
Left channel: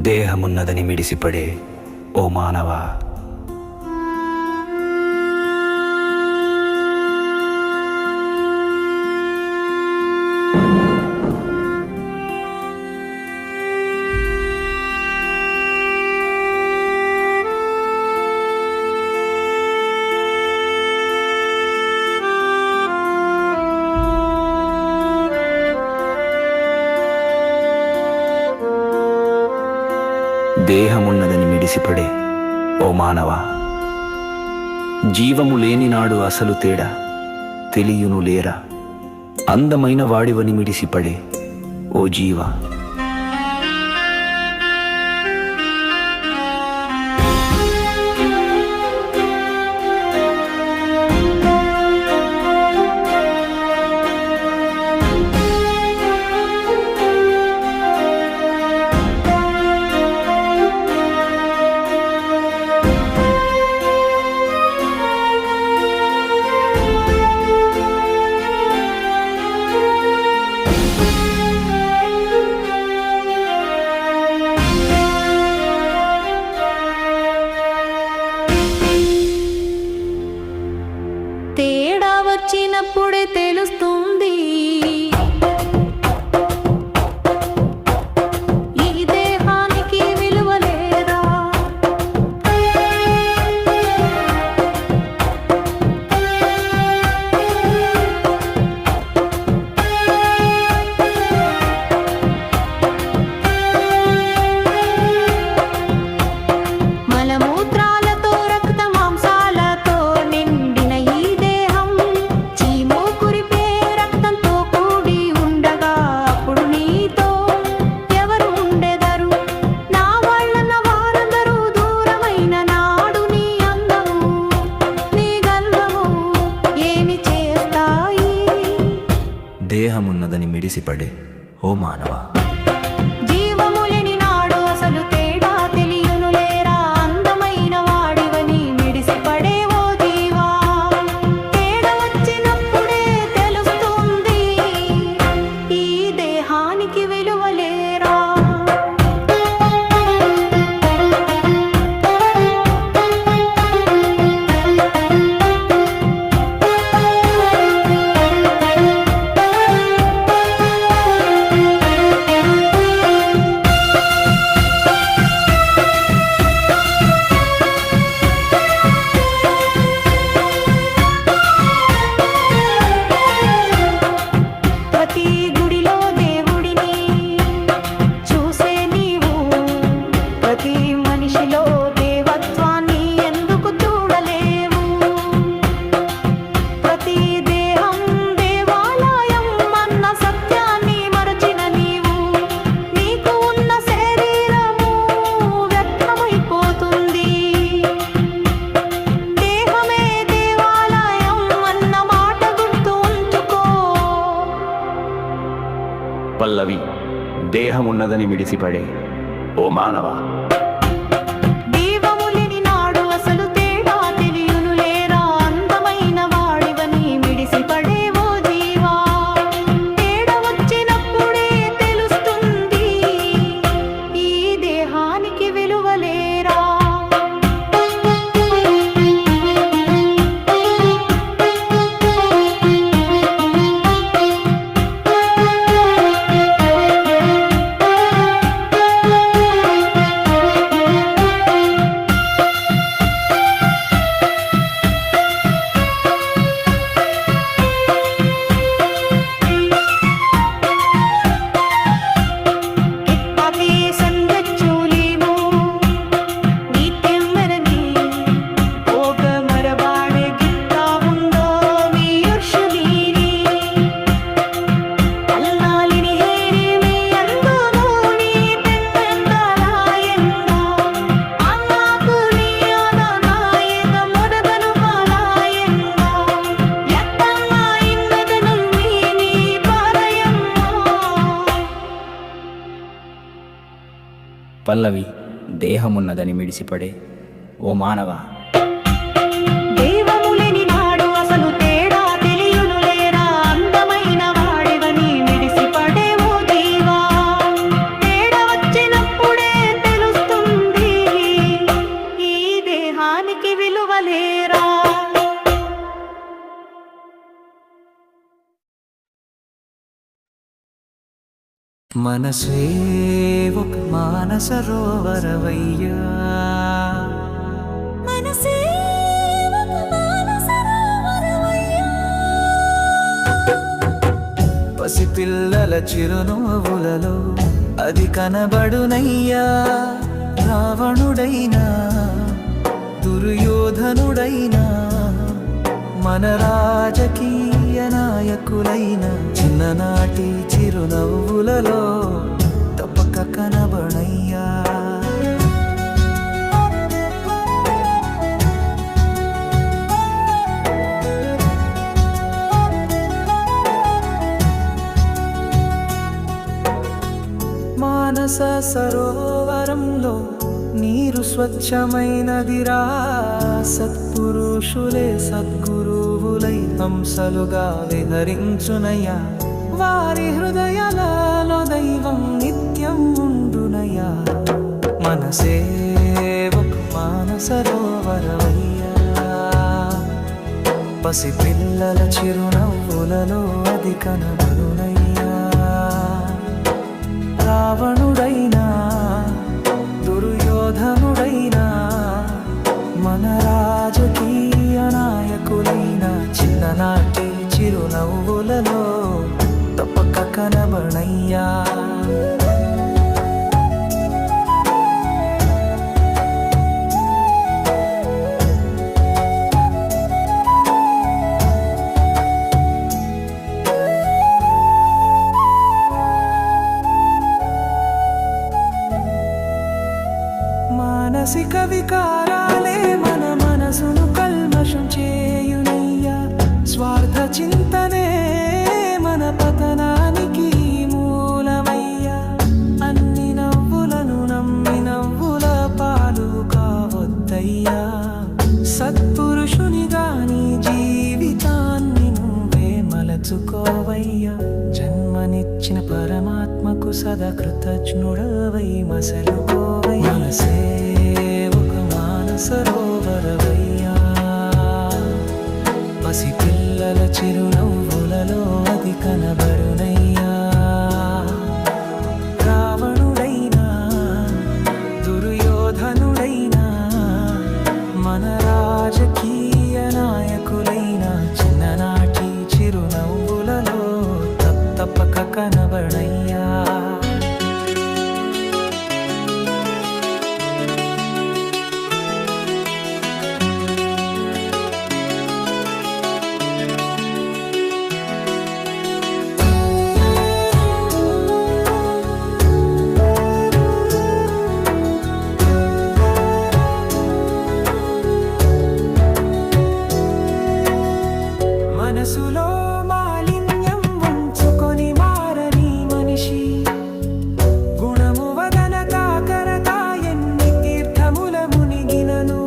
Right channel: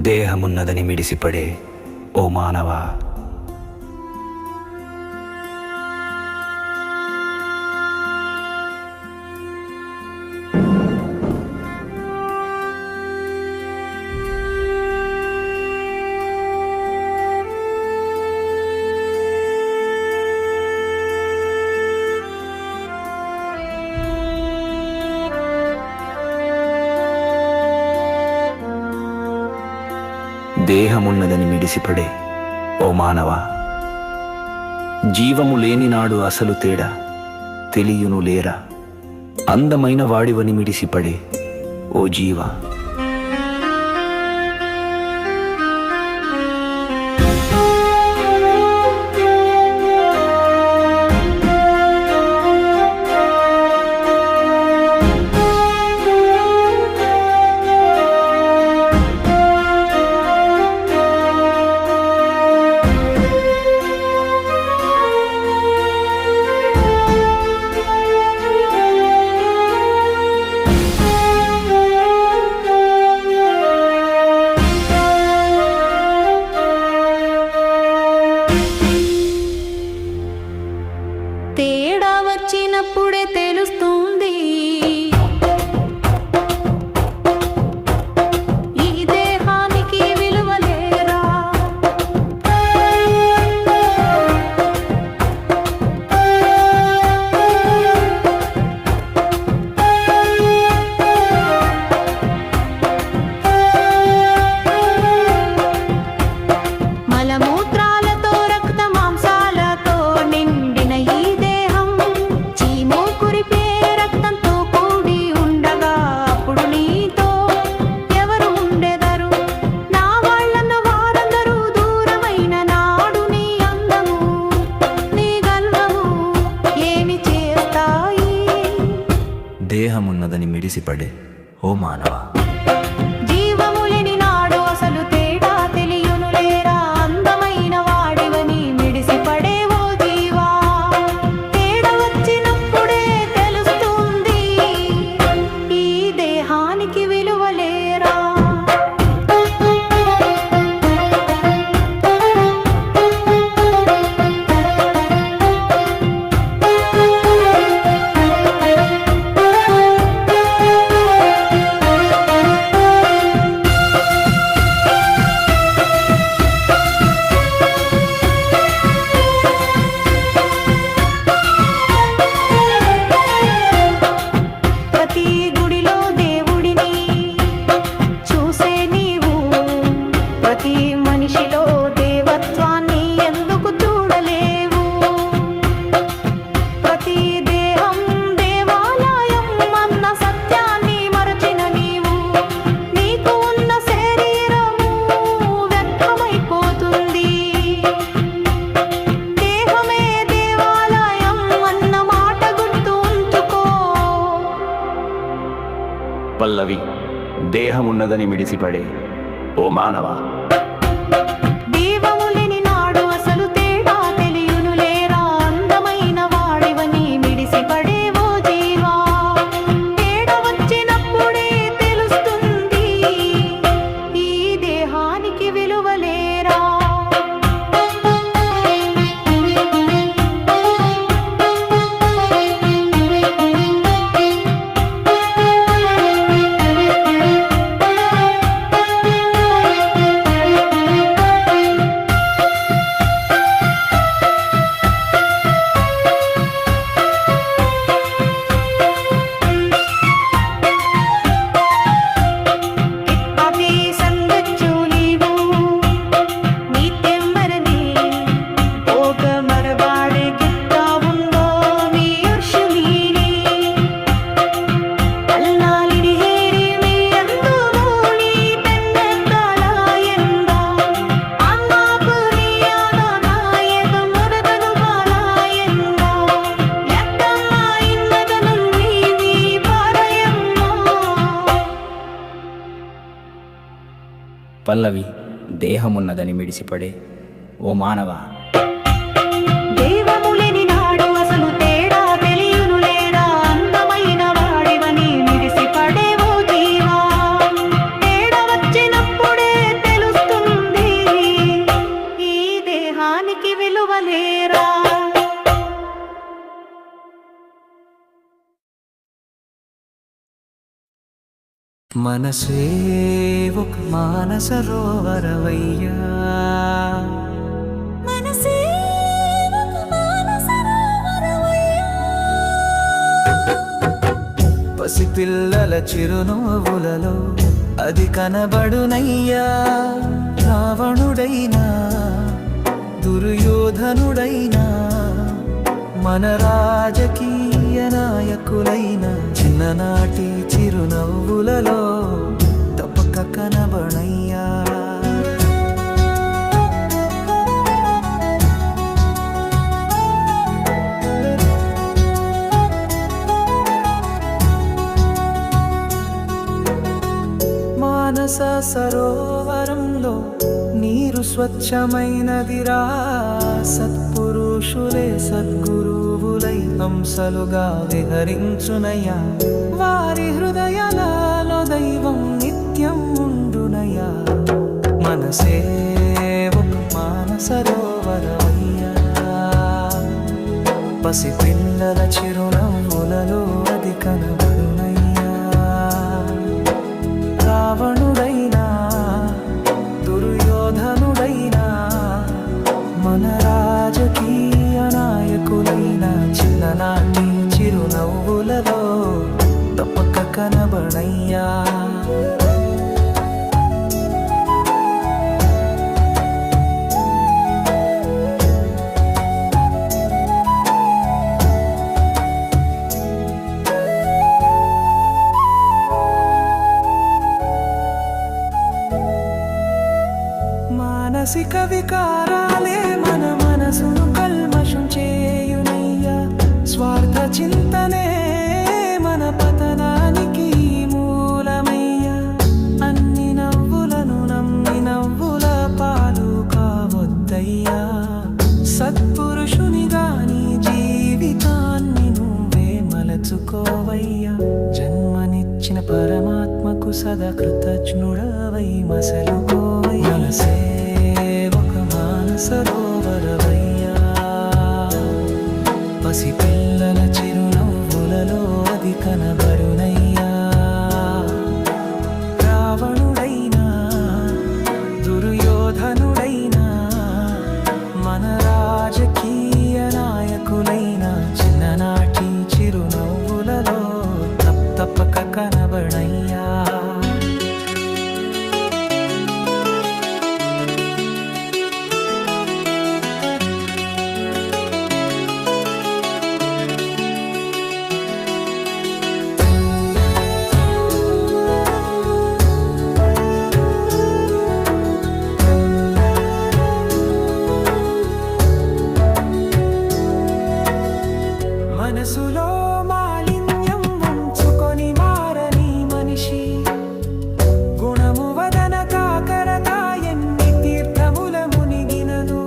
దేహమున్నదని మిడిసిపడే ఓ మానవా, దేహమున్నదని మిడిసిపడే ఓ మానవా, జీవము లేనినాడు అసలు తేడా తెలియును లేరా. అందమైన వాడివని మిడిసిపడే ఓ జీవా, దేహమున్నదని మిడిసిపడే ఓ మానవా. జీవములేని నాడు అసలు తేడా తెలియునులేరా, అందమైన వాడివని మిడిసిపడే ఓ జీవా. తేడా వచ్చినప్పుడే తెలుస్తుంది ఈ దేహానికి విలువలేరా. ప్రతి గుడిలో దేవుడిని చూసే నీవు, ప్రతి మనిషిలో దేవత్వాన్ని ఎందుకు చూడలేవు? ప్రతి దేహం దేవాలయం అన్న సత్యాన్ని మరచిన నీవు, నీకు ఉన్న శరీరము వ్యర్థమైపోతుంది. దేహమే దేవాలయం అన్న మాట గుర్తు ఉంచుకో. పల్లవి, దేహమున్నదని మిడిసిపడే ఓ మానవా. దీవములేని నాడు అసలు తేడా తెలియునులేరా, అందమైన వాడివని మిడిసిపడే ఓ జీవా. తేడా వచ్చినప్పుడే తెలుస్తుంది ఈ దేహానికి విలువలేరా. ಕಿತ್ತಾತಿ ಸಂಗಚ್ಚೂಲಿವು ನೀತ್ಯಮರನಿ ಭೋಗ ಮರಬಾಡೆ ಗಿತ್ತಾ ಉಂಡೋ ಮೀರ್ಷಮೀರಿ ಅಲ್ನಾಲಿನಿ ಹೇರಿ ಮೇ ಅಂದು ಮೂಳಿ ತೆನ್ನೆತ್ತಲ ಎಂದ ಅನ್ನಾಪುಲಿಯಾದ ನಾಯದ ಮೊರದನು ಬಾಲ ಎಂದ ಎತ್ತಮ್ಮ ಇನ್ನದನು ನೀ ಪಾರಯಮ್ಮ. పల్లవి, దేహమున్నదని మిడిసిపడే ఓ మానవా. దేవములేని నాడు అసలు తేడా తెలియునులేరా, అందమైన వాడివని మిడిసిపడే ఓ జీవా. తేడా వచ్చినప్పుడే తెలుస్తుంది ఈ దేహానికి విలువలేరా. మనసే ఒక మానస రోవరవయ్యా. మనసే ఒక మానస రోవరవయ్యా. పసిపిల్లల చిరునవ్వులలో అది కనబడునయ్యా. రావణుడైనా దుర్యోధనుడైనా మన రాజకీయ నాయకులైన చిన్ననాటి చిరునవ్వులలో తప్పక కనబడయ్యా. మానస సరోవరంలో నీరు స్వచ్ఛమైనదిరా. సత్పురుషులే సద్గురువులై హంసలుగా విహరించునయ్యా. వారి హృదయాలలో దైవం నిత్యం ఉండునయ్యా. మనసే ఒక మానసరోవరవయ్యా. పసిపిల్లల చిరునవ్వులలో అది కనబడునయ్యా. రావణుడైనా దుర్యోధనుడైనా మన రాజకీయ నాయకులైన చిన్ననాటి చిరునవ్వులలో తప్పక కనబడయ్యా. మానసిక వికారాలే మన మనసును కల్మషం చేయునయ్యా. స్వార్థ చింతనే మన పతనం నోచుకోవయ్యా. జన్మనిచ్చిన పరమాత్మకు సదా కృతజ్ఞుడవై మసలుకోవై. మనసే ఒక మానసరోవరవయ్యా, పసిపిల్లల చిరునవ్వులలో అది కనబడునయ్యా. రావణుడైనా దుర్యోధనుడైనా మన రాజకీయ నాయకులైన చిన్ననాటి చిరునవ్వులలో తప్పక కనబడయ్యా. మనసులో మాలిన్యం ఉంచుకొని మారని మనిషి, గుణము వదన కాకరక ఎన్ని తీర్థముల మునిగినను,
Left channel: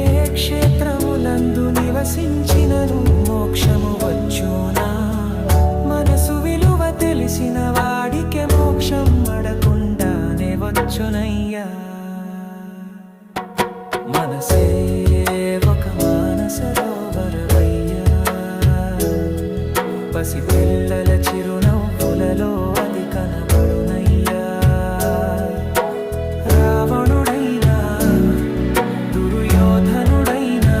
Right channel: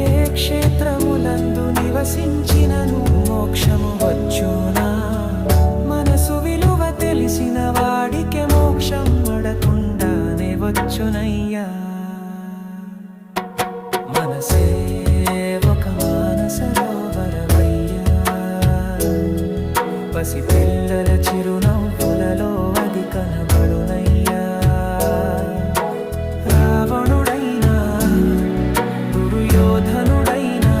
ఏ క్షేత్రములందు నివసించినను మోక్షము వచ్చునా. మనసు విలువ తెలిసిన వాడికే మోక్షం అడకుండానే వచ్చునయ్యా. మనసే ఒక మానసరోవరవయ్యా, పసిపిల్లల చిరునవ్వులలో అది కనబడునయ్యా. రావణుడైనా దుర్యోధనుడైనా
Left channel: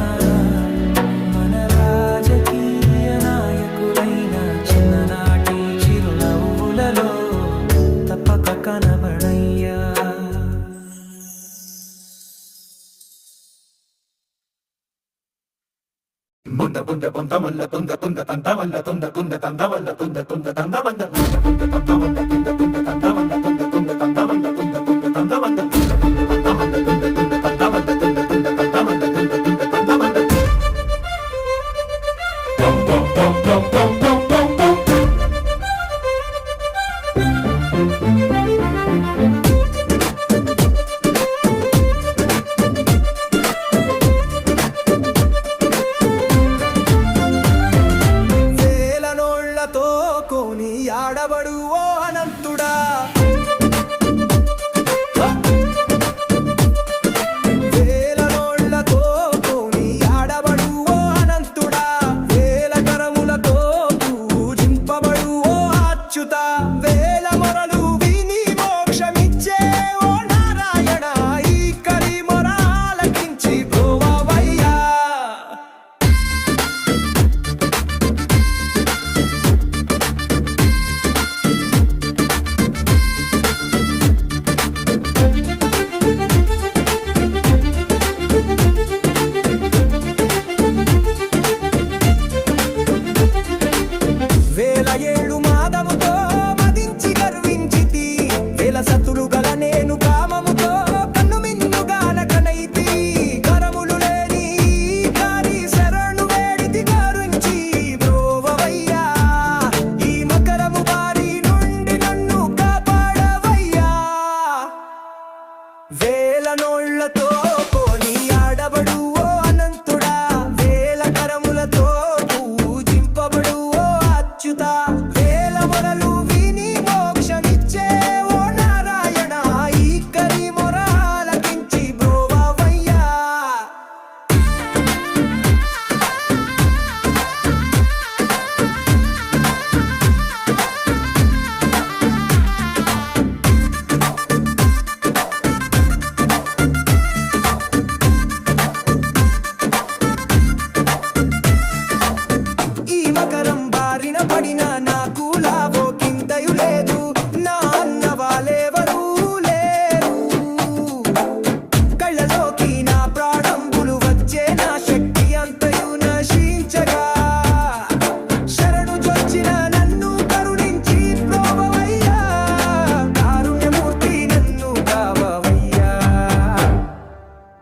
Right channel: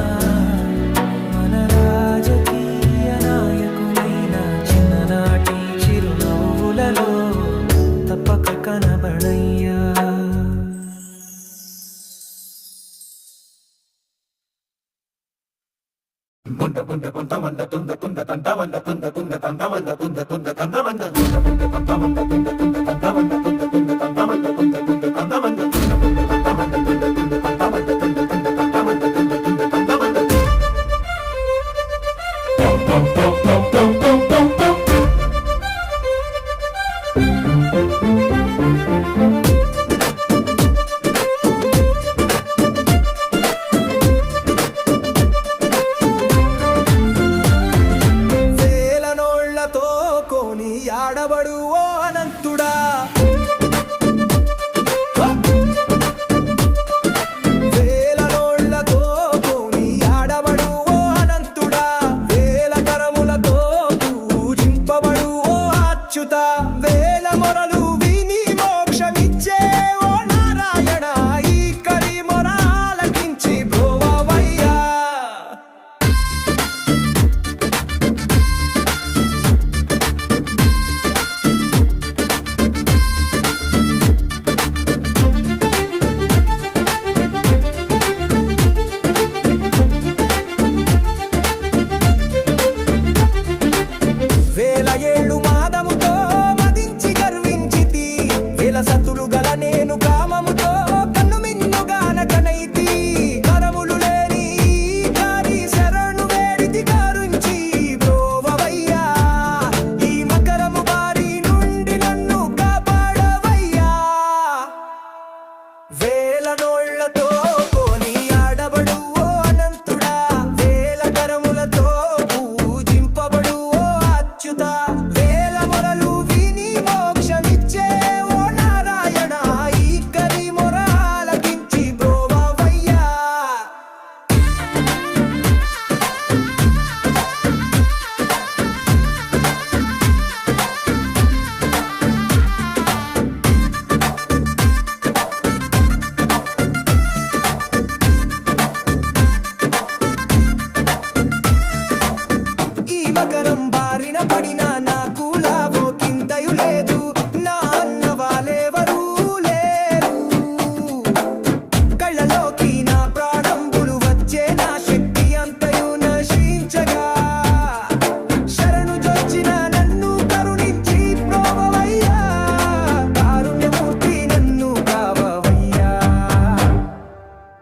మన రాజకీయ నాయకులైన చిన్ననాటి చిరునవ్వులలో తప్పక కనబడయ్యా. Bunda bunda bunda malla tunda tunda tanda malla tunda tunda tanda malla tunda tunda tanda malla tunda tunda tanda malla tunda tunda tanda malla tunda tunda tanda malla tunda tunda tanda malla tunda tunda tanda malla tunda tunda tanda malla tunda tunda tanda malla tunda tunda tanda malla pom pom pom pom pom pom pom pom. కోని ఆడబడు ఓ అనంతుడా, వేల నోళ్లతో కోని ఆడబడు ఓ అనంతుడా, వేల కరములతో పూజింపబడు ఓ అచ్యుత, వేల మొరలు విని మోక్షమిచ్చే ఓ నారాయణ, ఈ కరి మొర ఆలకించి బ్రోవయ్యా. వేల ఏళ్ళు మాదముతో మదించి గర్వించితి, వేల సతులు గల నేను కామముతో కన్ను మిన్నుగానకనైతి, కరములు లేని కారి శరణు వేడితి కరుంచి బ్రోవయ్యా, ఈ మకరము బారి నుండి నన్ను కాపాడవయ్యా. వేల నోళ్లతో కోని ఆడబడు ఓ అనంతుడా, వేల కరములతో పూజింపబడు ఓ అచ్యుత, వేల మొరలు విని మోక్షమిచ్చే ఓ నారాయణ, ఈ కరి మొర ఆలకించి బ్రోవయ్యా. ఈ మకరం బారిన పడిన నాకు లాభో కింతయు లేదు, నా అన్న వాళ్ళెవరూ లేరు, కళ్ళలోకి నా ప్రాణంబులు వచ్చే నా శక్తి అంతయు నశించగా, శరణు జొచ్చిన నన్ను కరుణించి ప్రోవయ్యా, కారుణ్యమూర్తి నన్ను కావవయ్యా.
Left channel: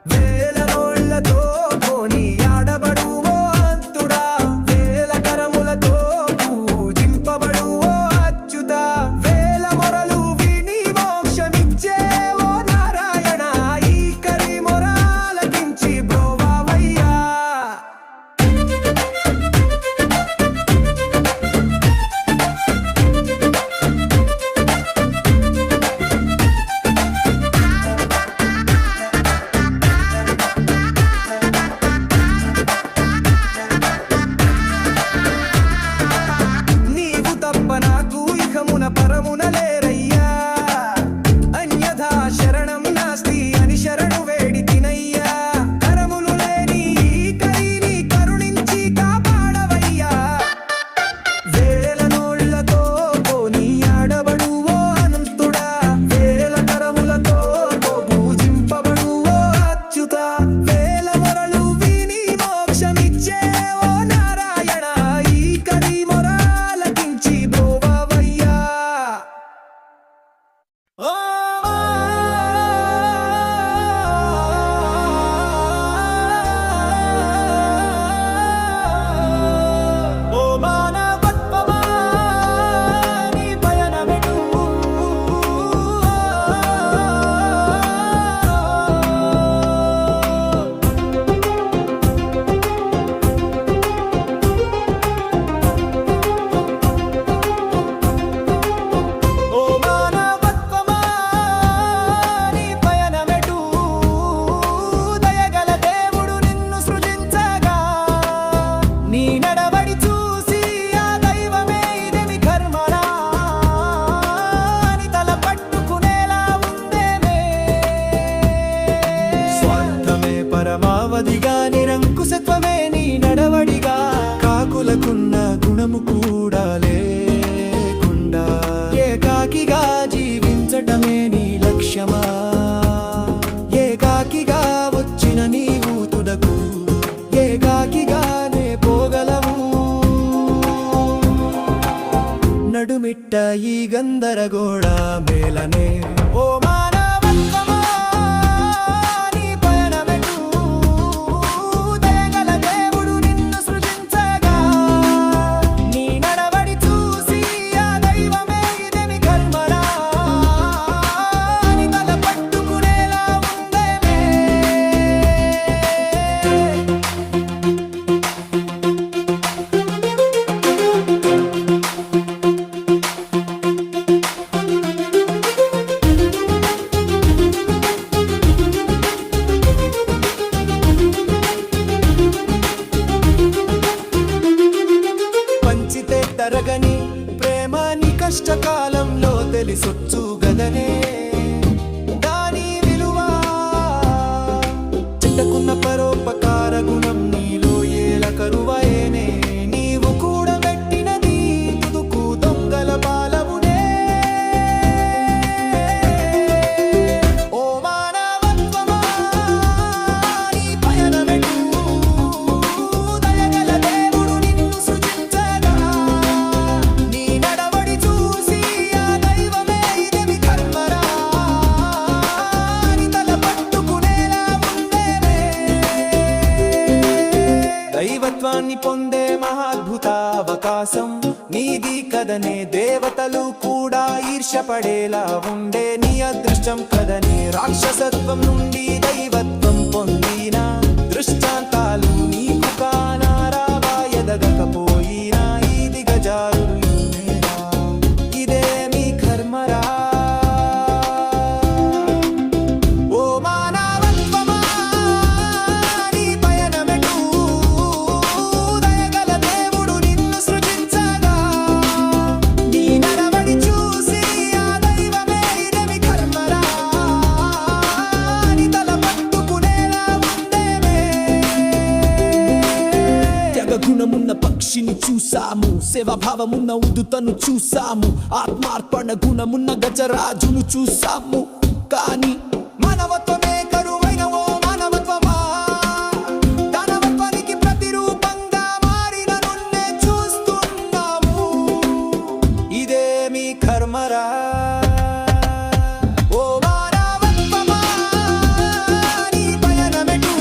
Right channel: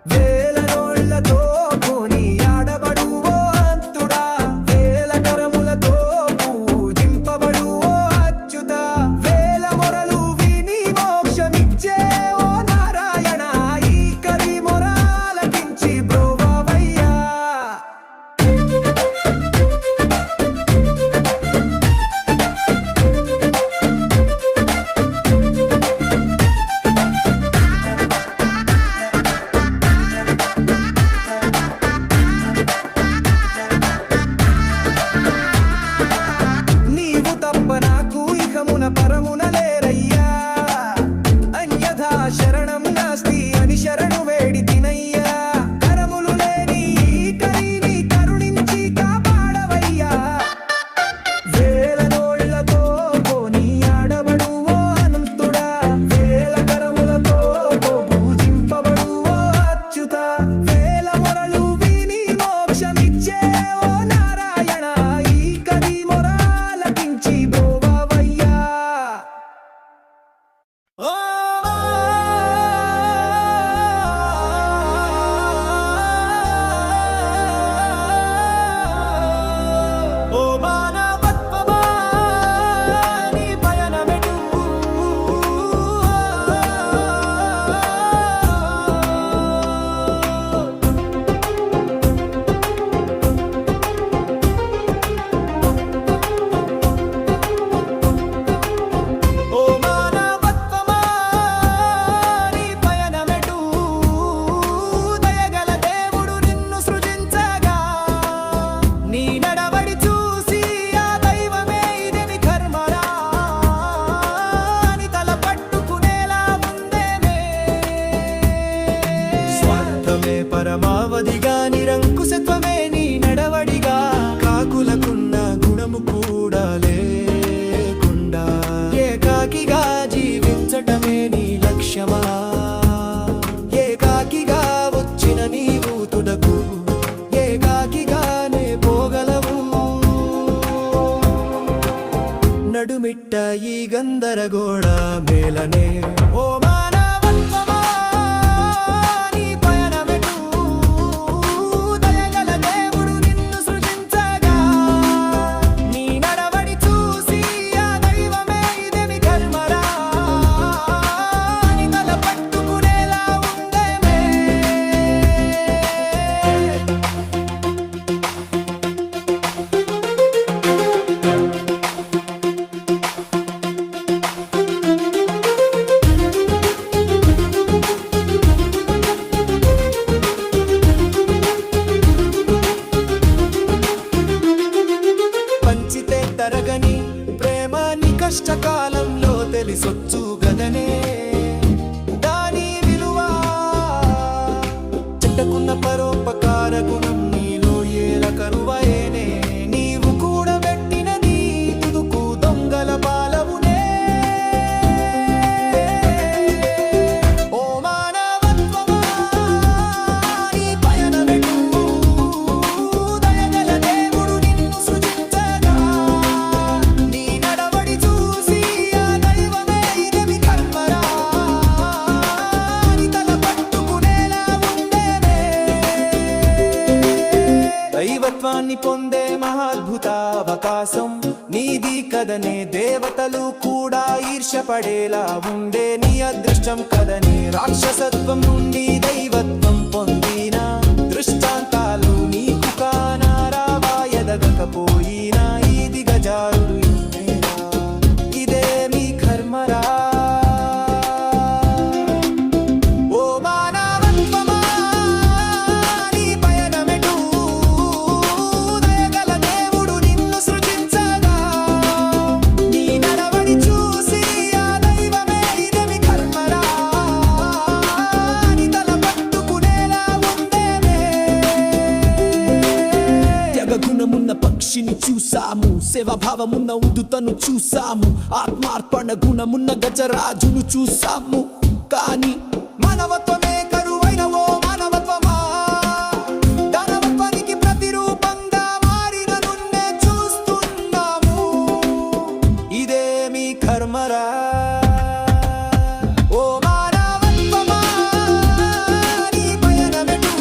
వేల నోళ్లతో కోని ఆడబడు ఓ అంతుడా, వేల కరములతో పూజింప తప్ప నాకు ఇహమున పరమున లేరయ్యా అన్యథా శరణం నాస్తి అని శరణు వేడి తినయ్యా కరములు లేని ఈ కరిని కరుణించి కాపాడవయ్యా వేల నోళ్లతో పోనీ ఆడబడువో అనంతుడా వేల కరములతో పూజింపబడువో అచ్యుత వేల మొరలు విని మోక్షమిచ్చే ఓ నారాయణ ఈ కరి మొరాలకించి బ్రోవయ్యా ఓ మానవత్వమా నీ పయనమెటు ఓ మానవత్వమా నీ పయనమెటు దయగల దేవుడు నిన్ను సృజించగా నీ నడవడి చూసి ఆ దైవమే ఇదేమి కర్మరా అని తల పట్టుకునేలా ఉందేమే స్వార్థమే పరమావధిగా నిరంకుశత్వమే నీ నడవడిగా కాకులకున్న గుణము కూడా లేకుండా ఏకాకిగా జీవించటమే నీ లక్ష్యమా ఏకాకిగా వచ్చిన నీవు తుదకు ఏకాకిగానే పోగలవు నడుమిట్ట ఈ గందరగోళ మేలనే ఓ మానవత్వమా నీ పయనమెటు దయగల దేవుడు నిన్ను సృజించగా నీ నడవడి చూసి ఆ దైవమే ఇదేమి కర్మరా అని తల పట్టుకునేలా ఉందేమే పంచితే తరగని ప్రేమ నీ కష్టకాలంలో తెలిసొచ్చు గదనే దాని విలువ చెట్టకున్న పరోపకార గుణం నీలో ఏల కరువయేనే నీవు కూడబెట్టినది తుదుకు దొంగల పాలవునే ఓ మానవత్వమా నీ పయనమెటు దయగల దేవుడు నిన్ను సృజించగా నీ నడవడి చూసి ఆ దైవమే ఇదేమి కర్మరా అని తల పట్టుకునేలా ఉందేమే దైవత్వాన్ని పొందే మహాద్భుత అవకాశం నీది కదనే దేవతలు కూడా ఈర్ష్యపడేలా ఉండే నీ అదృష్టం కదనే రాక్షసత్వం నుండి దైవత్వం పొందిన దృష్టాంతాలు నీకు కానారావా ఎదగకపోయినా ఈ దిగజారుడు ఇన్నేరా ఇదే మీ కర్మరా ఓ మానవత్వమా నీ పయనమెటు దయగల దేవుడు నిన్ను సృజించగా నీ నడవడి చూసి ఆ దైవమే ఇదేమి కర్మరా అని తల పట్టుకునేలా ఉందేమే త్యాగగుణమున్న పక్షిని చూసాము సేవాభావమున్న ఉదుతను చూసాము ఆత్మార్పణ గుణమున్న గజరాజును చూసాము కానీ మానవత్వమే కరువైన ఓ మానవత్వమా దానవత్వానికి ప్రతిరూపంగా మారిన నున్నే చూస్తున్నాము ఇదేమి కర్మరా ఓ మానవత్వమా నీ పయనమెటు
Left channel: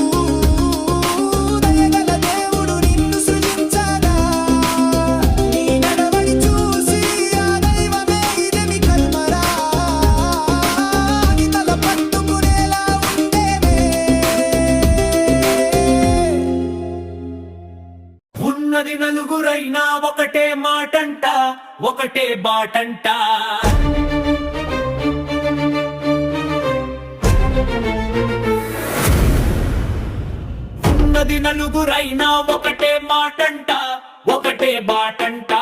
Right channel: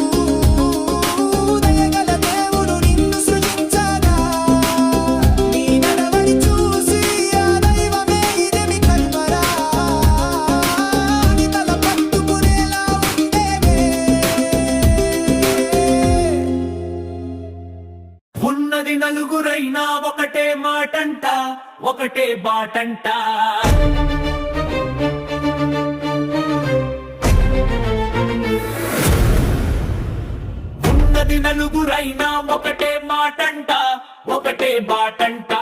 దయగల దేవుడు నిన్ను సృజించగా నీ నడవడి చూసి ఆ దైవమే ఇదేమి కర్మరా అని తల పట్టుకునేలా ఉందేమే ఉన్నది నలుగురైనా ఒకటే మాటంట ఒకటే బాటంట ఉన్నది నలుగురైనా ఒకటే మాటంట ఒకటే బాటంట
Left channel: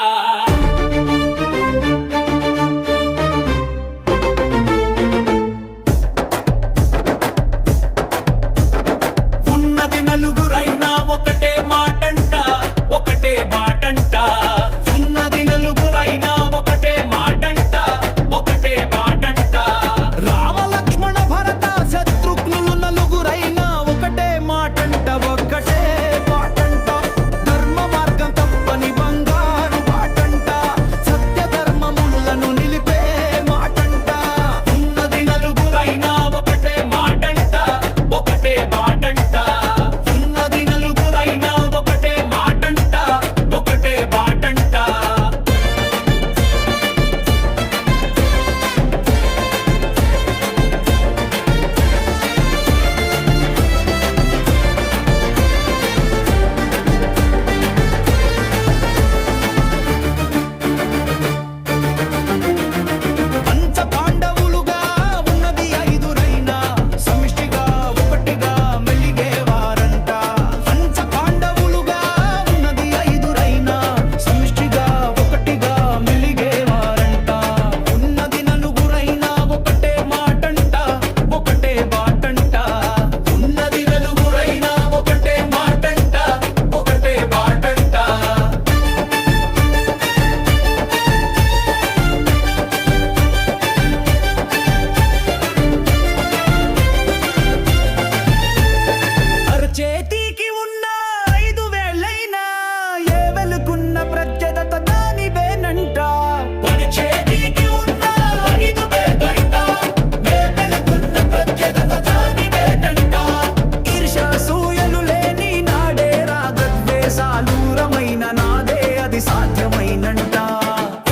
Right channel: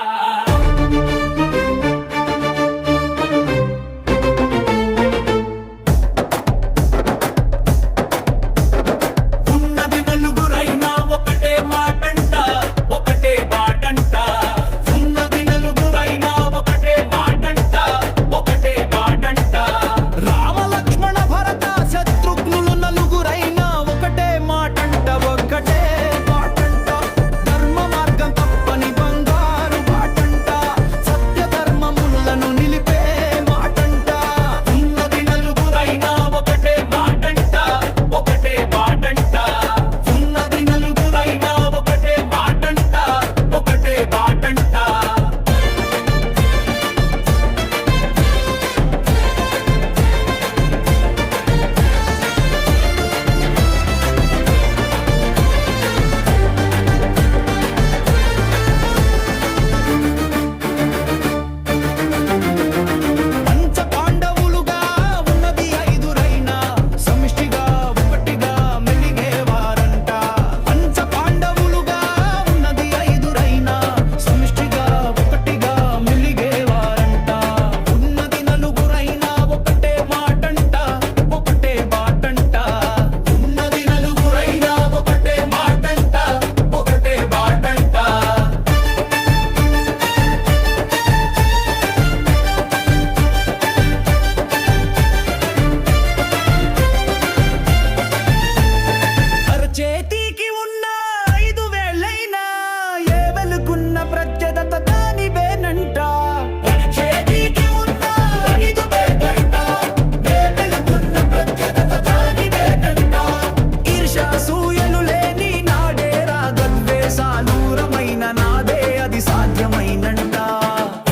సాధ్యమైనంట.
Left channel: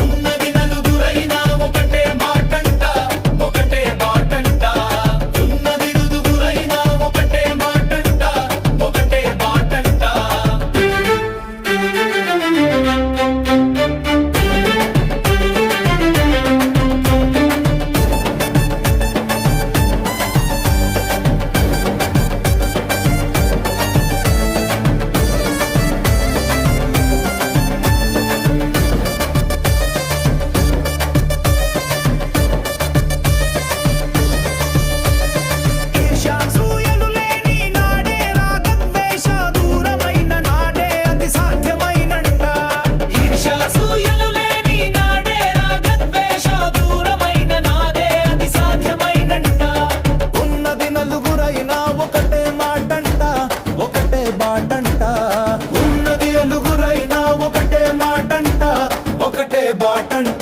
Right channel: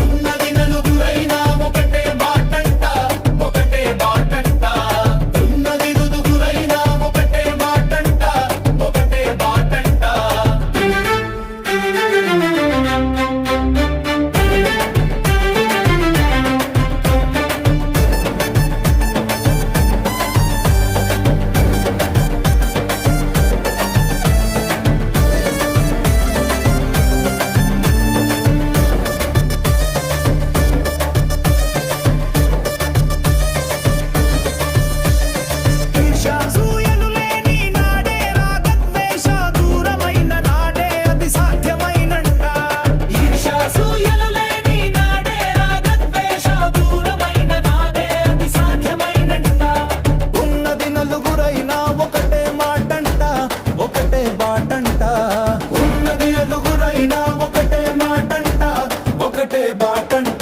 ఉన్నది నలుగురైనా ఒకటే మాటంట ఒకటే బాటంట ఉన్నది నలుగురైనా ఒకటే మాటంట ఒకటే బాటంట ఈర్ష్యాసూయలు లేని నాడే రాగద్వేష దూరమైన నాడే అది సాధ్యమైనంట. ఈర్ష్యాసూయలు లేని నాడే రాగద్వేష దూరమైన నాదే అది సాధ్యమైనంట ఉన్నది నలుగురైనా ఒకటే మాటంట ఒకటే బాటంట. ఉన్నది నలుగురైనా ఒకటే మాటంట ఒకటే బాటంట